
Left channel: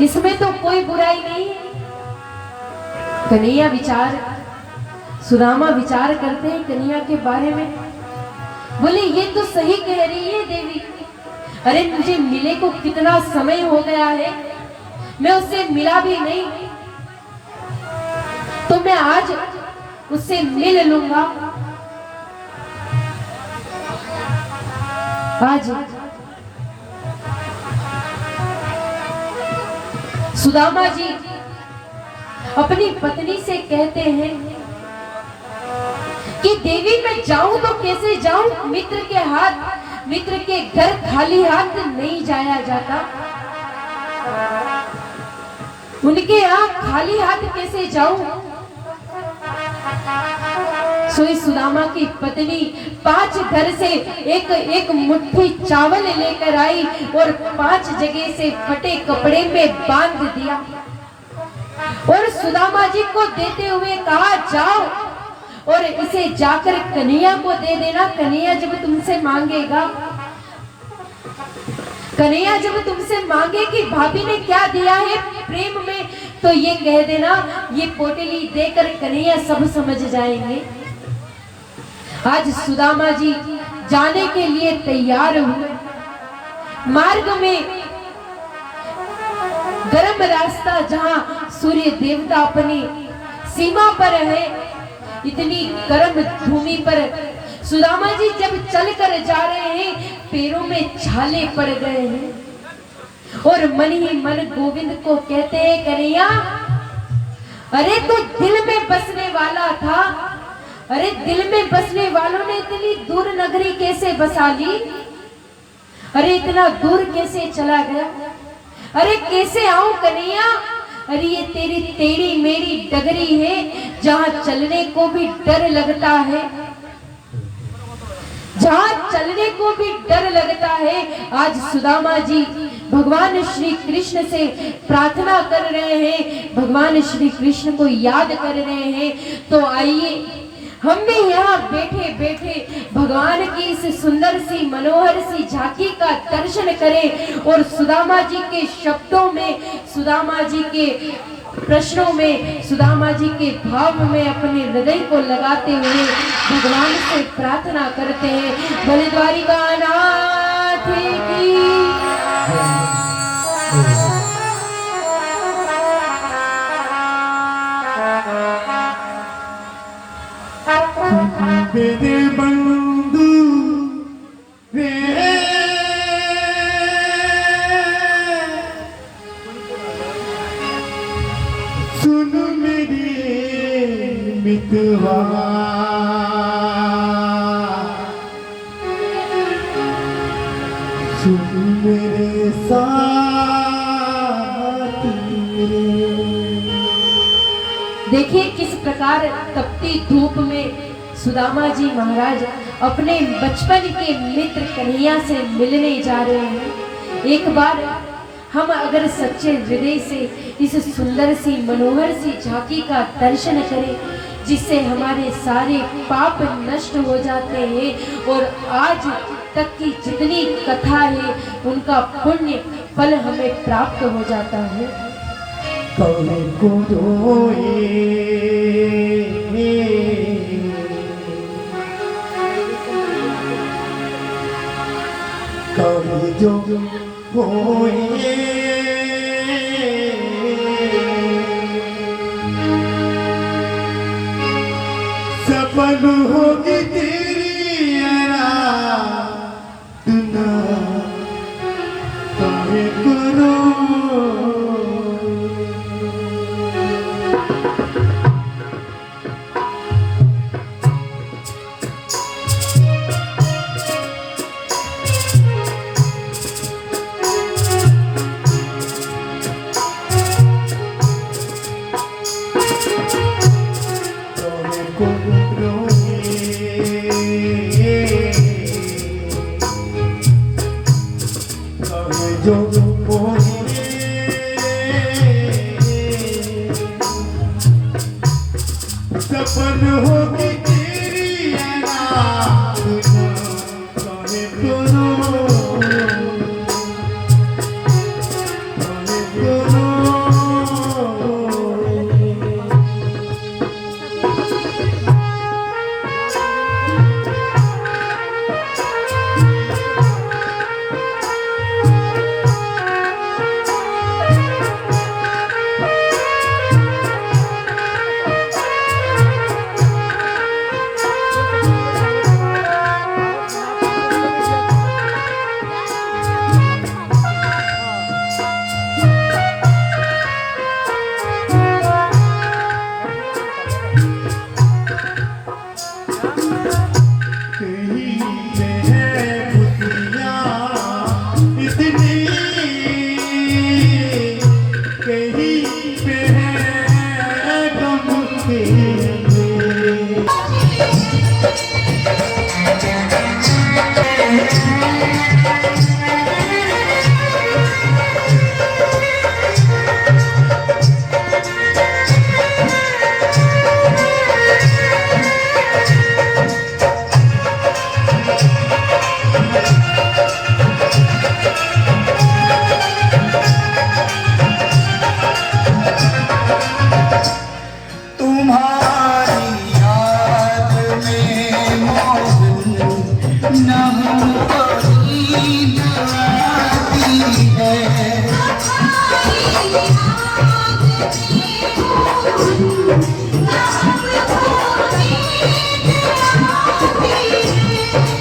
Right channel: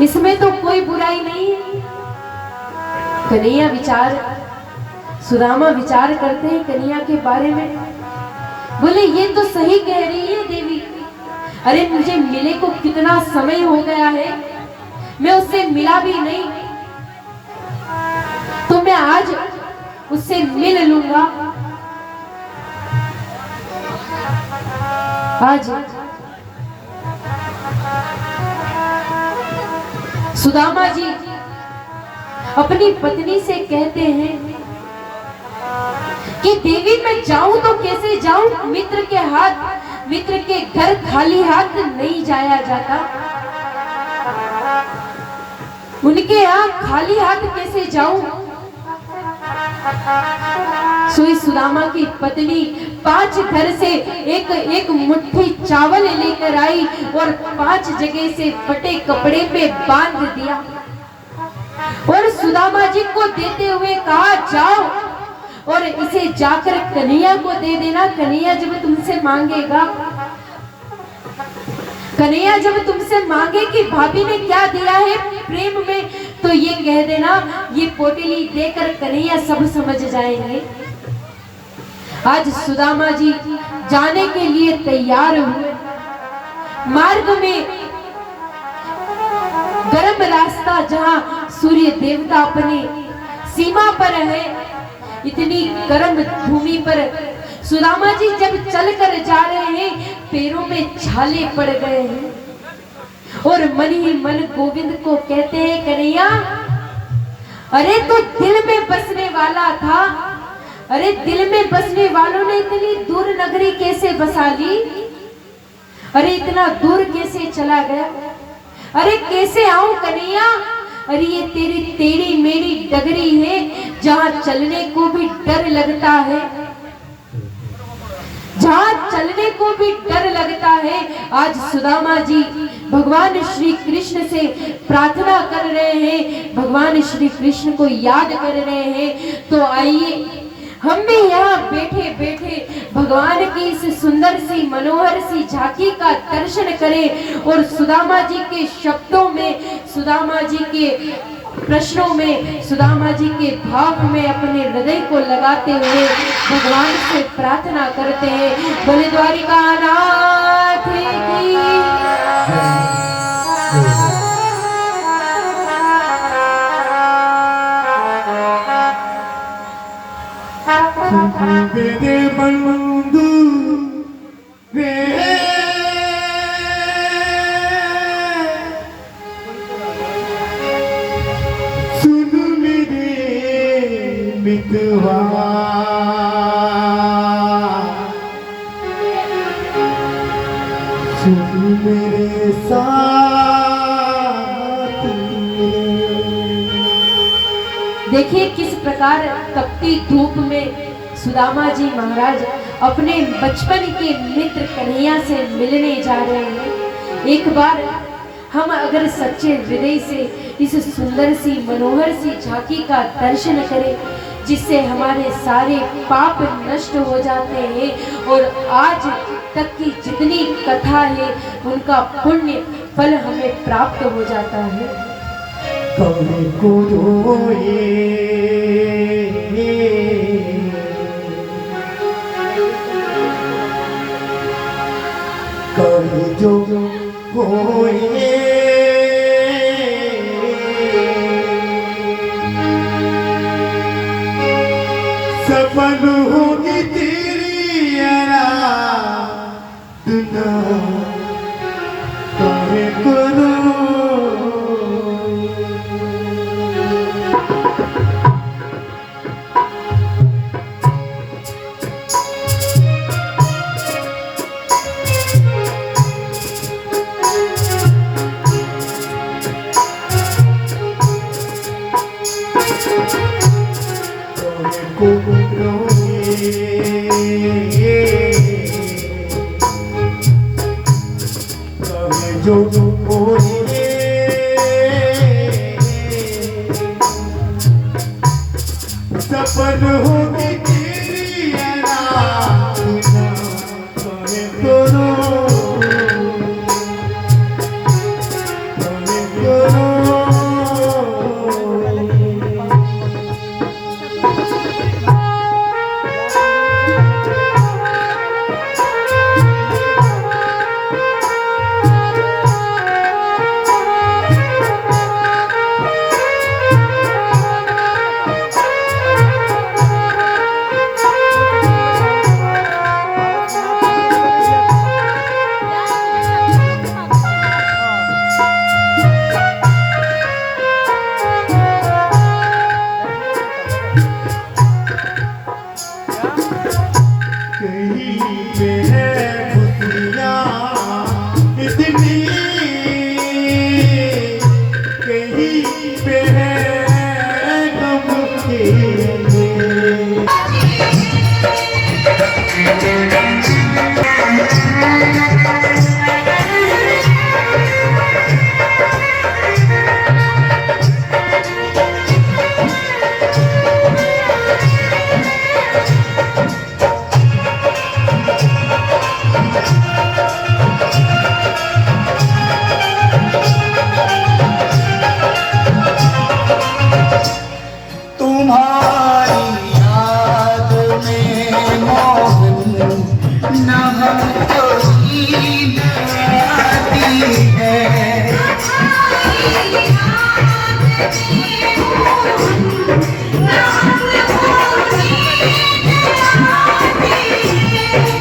इसमें तो कोई बुराई नहीं है। कन्हैया सुदामा विचार करते हैं कन्हैया के बारे में, बोले ये तो सही कह रही है देवी। अरे मुझे मिले को कितना समय हो गया है, मैं उससे मिला भी नहीं, तो मैं आज उससे मिल लूंगा। आज सुदामा जी अपनी पत्नी से कहते हैं कि देवी मैं जाऊं तो कैसे जाऊं, मित्र के घर खाली हाथ नहीं जाया जाता, उनके यहाँ खाली हाथ कैसे जाऊं। सुई सुदामा की पत्नी 5 घर से एक मुट्ठी चावल लेकर आई और 5 जगह से फटे कपड़े में बांध दिया, और सुदामा जी को देते हुए कहा, जाओ और इसे जाकर कन्हैया को दे देना। कन्हैया जब तुमसे मांगेगा, कन्हैया जब तुमसे मांगे कि भाभी ने क्या दिया है प्रेम में, तो ये कह देना, ये पोटली देकर कन्हैया सब समझ जाएंगे। आज सुदामा जी जाने के लिए तैयार हुए। मार्ग में गर्म रास्ता, जहां सूर्य देवता अपनी सीमा पर है, इतनी गर्म भूमि पर सुदामा जी जब चलकर जा रहे हैं, पैरों में छाले पड़ गए हैं, और मन ही मन गोविंद को कहते हैं, कन्हैया अरे तो दिल में बसने वाला था, अरे दिल में बसने वालों ने इतनी दूर नगरी कैसे बसा ली, अरे इतना दूर कैसे चला गया, अरे कैसे आऊं कन्हैया, अरे ये तेरी टेढ़ी मेरी डगरी है, जहां चलने को भी डर लगता है, जहां चलने को भी डर लगता है। आज सुदामा जी भगवान श्री कृष्ण से प्रार्थना कर रहे हैं, भगवान श्री कृष्ण को याद कर रहे हैं। तो आइए हम भी यहाँ बैठे बैठे भगवान की इस सुंदर सी मनोहर सी झांकी का दर्शन करें, और सुदामा जी के शब्दों में, सुदामा जी के प्रश्नों में, सुदामा जी के भाव में अपने हृदय को लगाते हुए भगवान से प्रार्थना करते हैं। भले द्वारिका नाथ की मेरे बंधु रे सुन मेरे मितवा सुन मेरे साथी। देखिए किस प्रकार तपती धूप में सुदामा जी महाराज अपने बचपन के मित्र कन्हैया से मिलने जा रहे हैं। एक बार हम अगर सच्चे हृदय से इस सुंदर सी मनोहर सी झांकी का दर्शन करें जिससे हमारे सारे पाप नष्ट हो जाते हैं और आज तक की जितनी कथा है उनका पुण्य फल हमें प्राप्त हो जाता है। कभी को रोए कभी जो होए सफल होगी तेरी आराधना कभी करो। जो सफल होगी तेरी आराधना कहे करो कहे करो।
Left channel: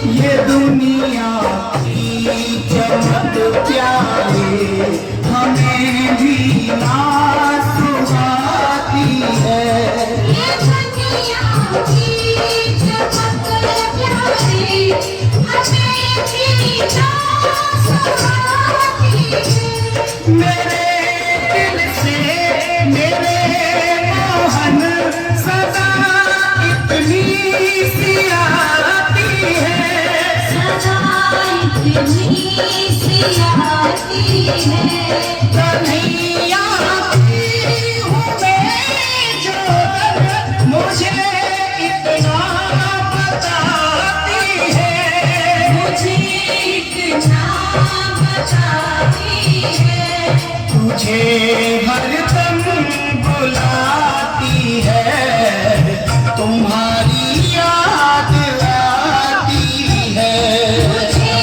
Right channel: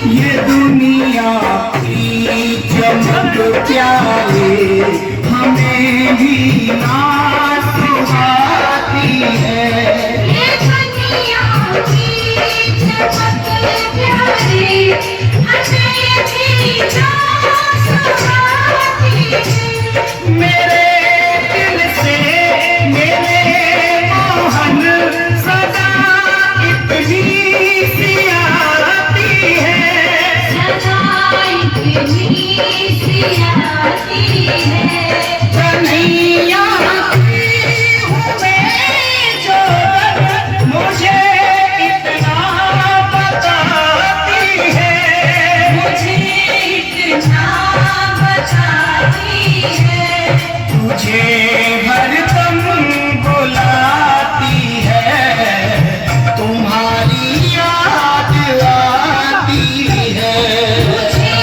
ये दुनिया की चमक प्यारे हमें भी नाच आती है। ये दुनिया की चमक प्यारे हमें भी नाच आती है। मेरे दिल से मेरे मोहन सदा इतनी सी आती है। कन्हैया की हूँ मैं जो मुझे इतना बताती है। मुझे इतना बताती है। तुझे हरदम बुलाती है। तुम्हारी याद आती है। मुझे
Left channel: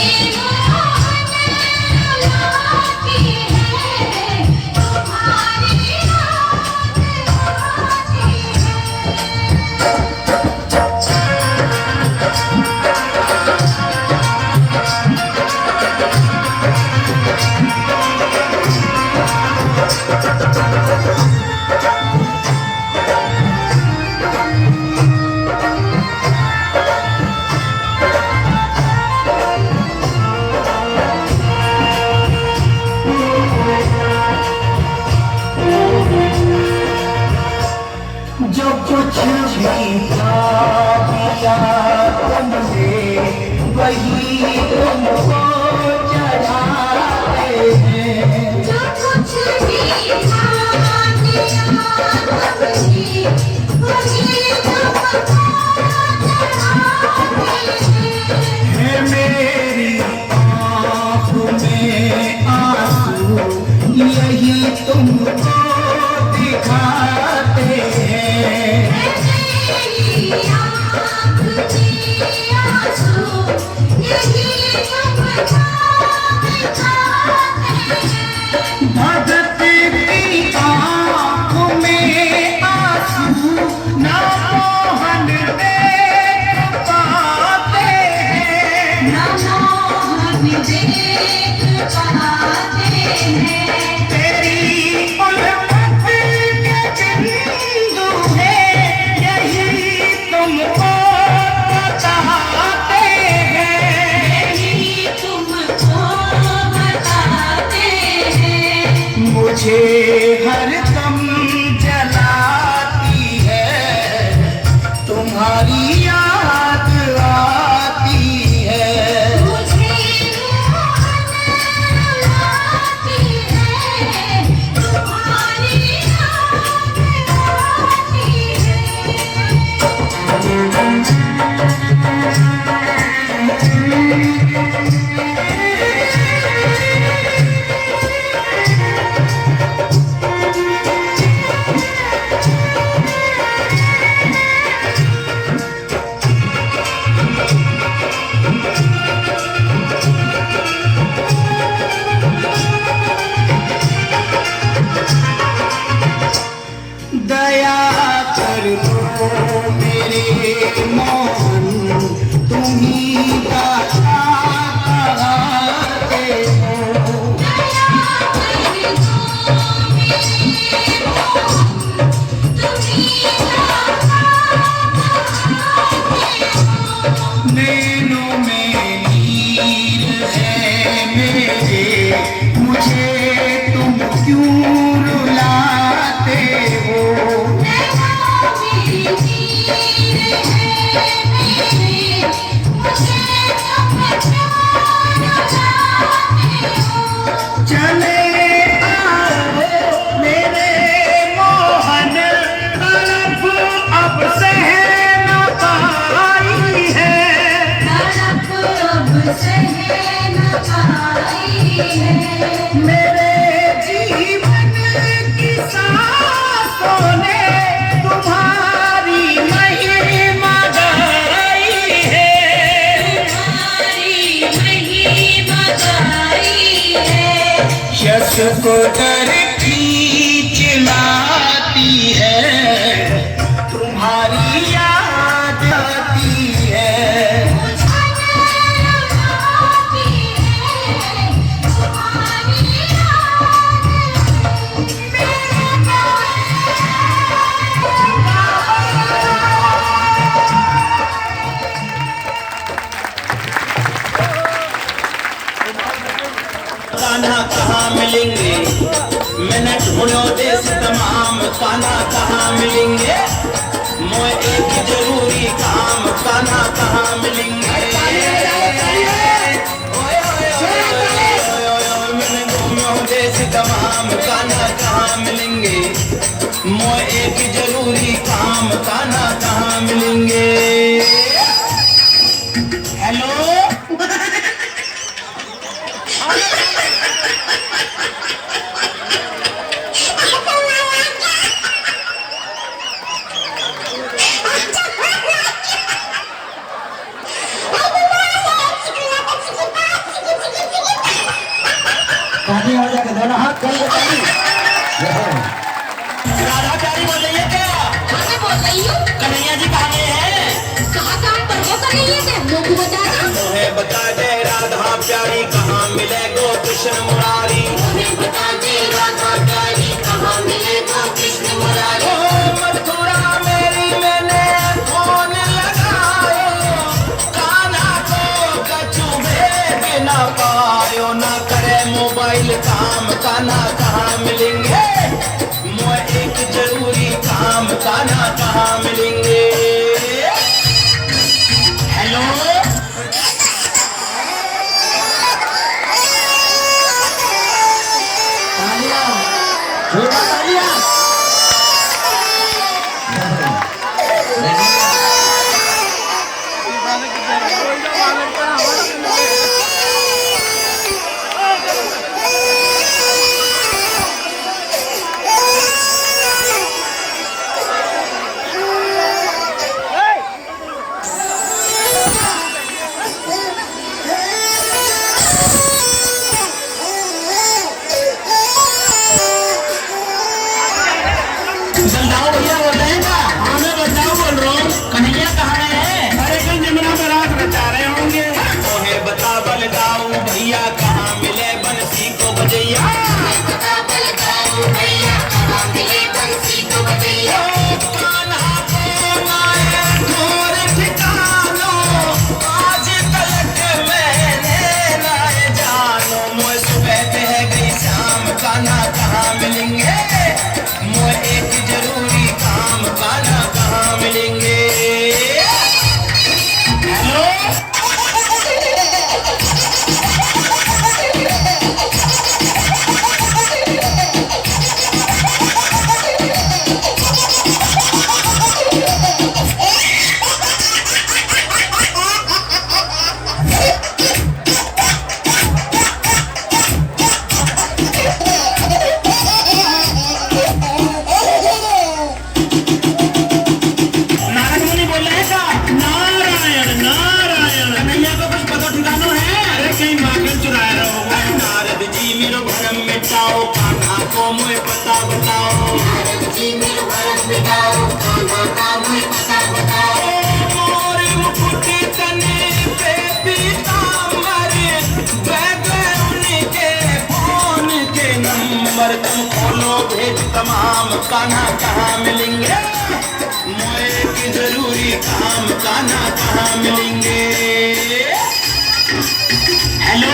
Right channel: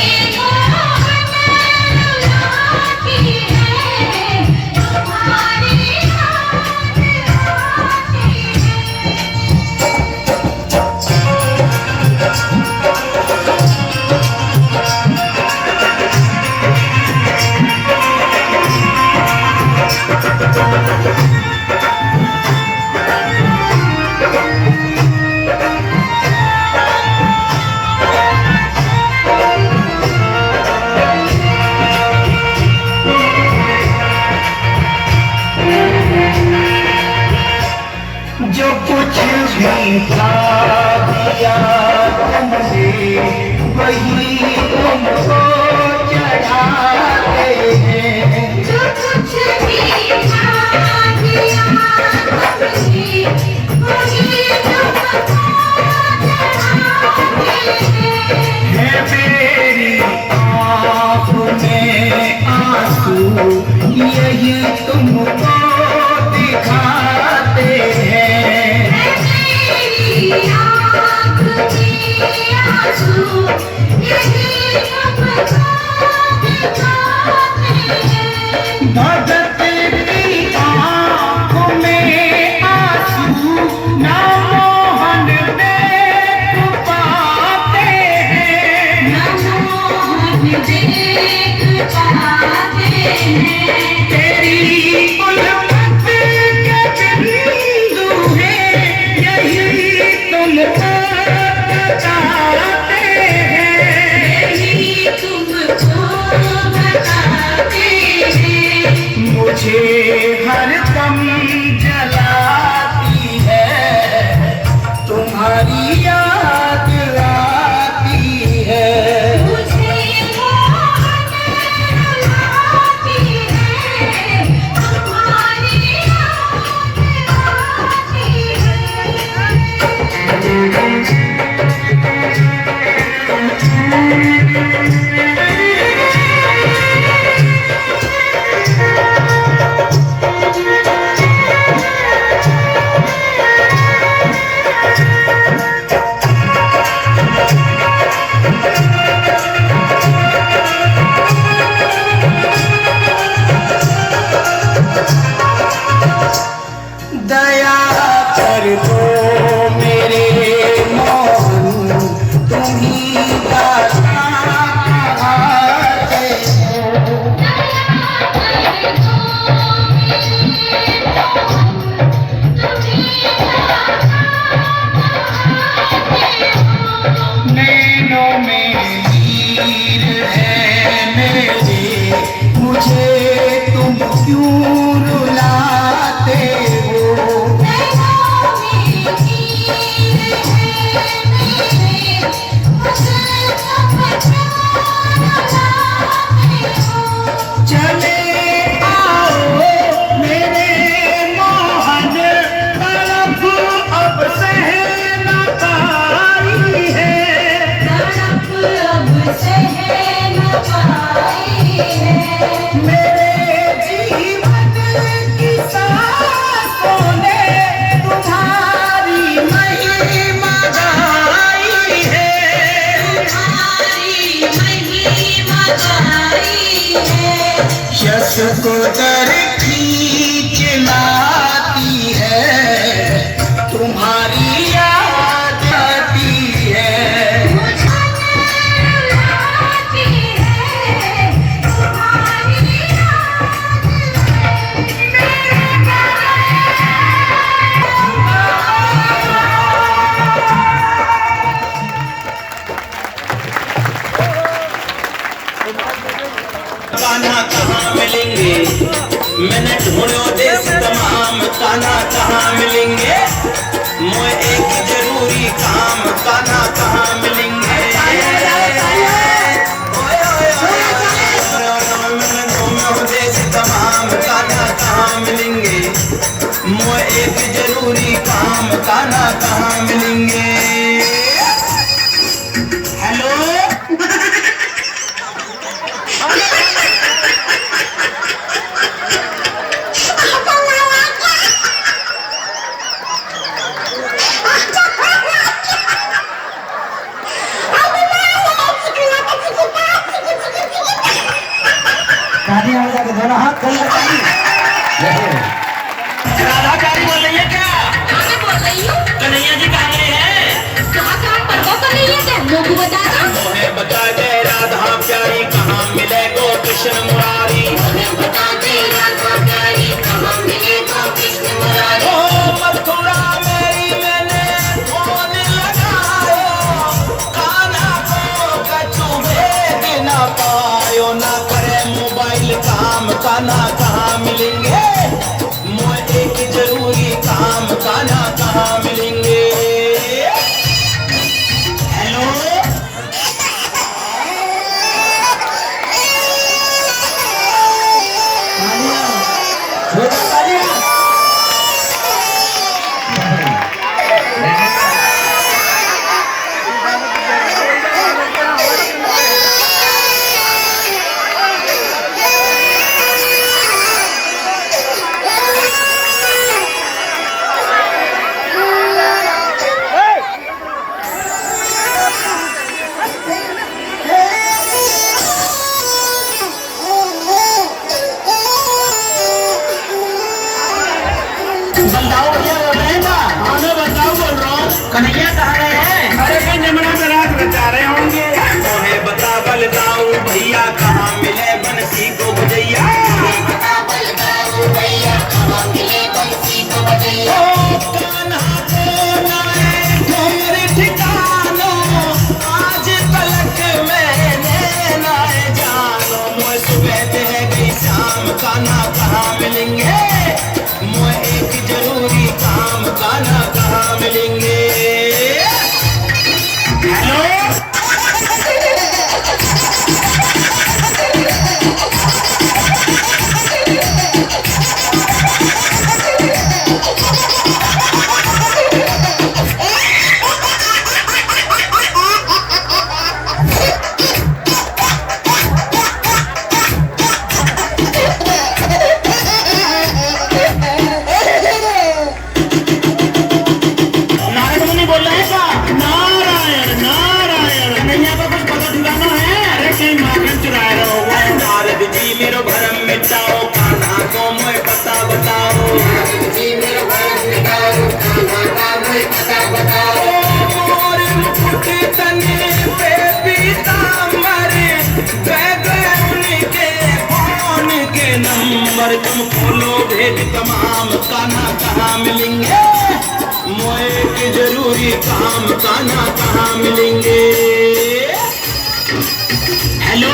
वही तुमको चढ़ाते हैं। जो कुछ भी दिया तुमने वही तुमको चढ़ाते हैं। है मेरी आँख में आंसू यही तुमको दिखाते हैं। मेरी आँख में आंसू यही तुमको दिखाते हैं। भगत की आँख में आंसू ना मोहन देख पाते हैं। मोहन देख पाते हैं। तेरी उल्फत के बिंदु हैं यही तुमको बताते हैं। यही तुमको बताते हैं। मुझे हर दम जलाती है तुम्हारी याद आती है। मुझे आती है तुम्हारी याद आती दया कर दो मेरे मोहन तुम ही दाता कहाते हो। नैनों में नीर है मेरे मुझे तुम क्यों रुलाते हो। चले आओ मेरे मोहन तड़प अब सह न पाई है। मेरे जीवन की सांसों ने तुम्हारी महिमा गाई है। यश को दर खींच लाती है तुम्हारी याद आती है। कान्हा कहाँ मिलेंगे, मैंने ढूंढो देश तमाम। कान्हा कहाँ मिलेंगे, मोए एक जरूरी काम। कान्हा कहाँ मिलेंगे, मैंने ढूंढो देश तमाम। कान्हा कहाँ मिलेंगे, मोए एक जरूरी काम। कान्हा कहाँ मिलेंगे। हेलो राधाचारी बोल रही है क्या? मैं बोल रही हूँ। कन्हैया जी कहाँ गए हैं? कहाँ काम पर वो कर रही है क्या? लोग बता दो। मोहे बता दे राधा प्यारी कहाँ मिले गो कृष्ण मुरारी। हमें बता दे राधा प्यारी कहाँ मिले गो कृष्ण मुरारी। ओ मथुरा मेरी मैंने फोन लगायो, कान्हा को कछु भेद न पायो। ना करे मोबाइल काम, कान्हा कहाँ मिलेंगे, मोए एक जरूरी काम। कान्हा कहाँ मिलेंगे। हेलो काना कहाँ मिलेंगे, मोए के जरूरी काम काना कहाँ मिलेंगे। हेलो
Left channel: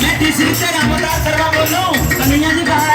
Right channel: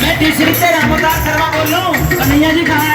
मैं तीसरी से रामदास शर्मा बोल रहा हूँ। कन्हैया जी कहाँ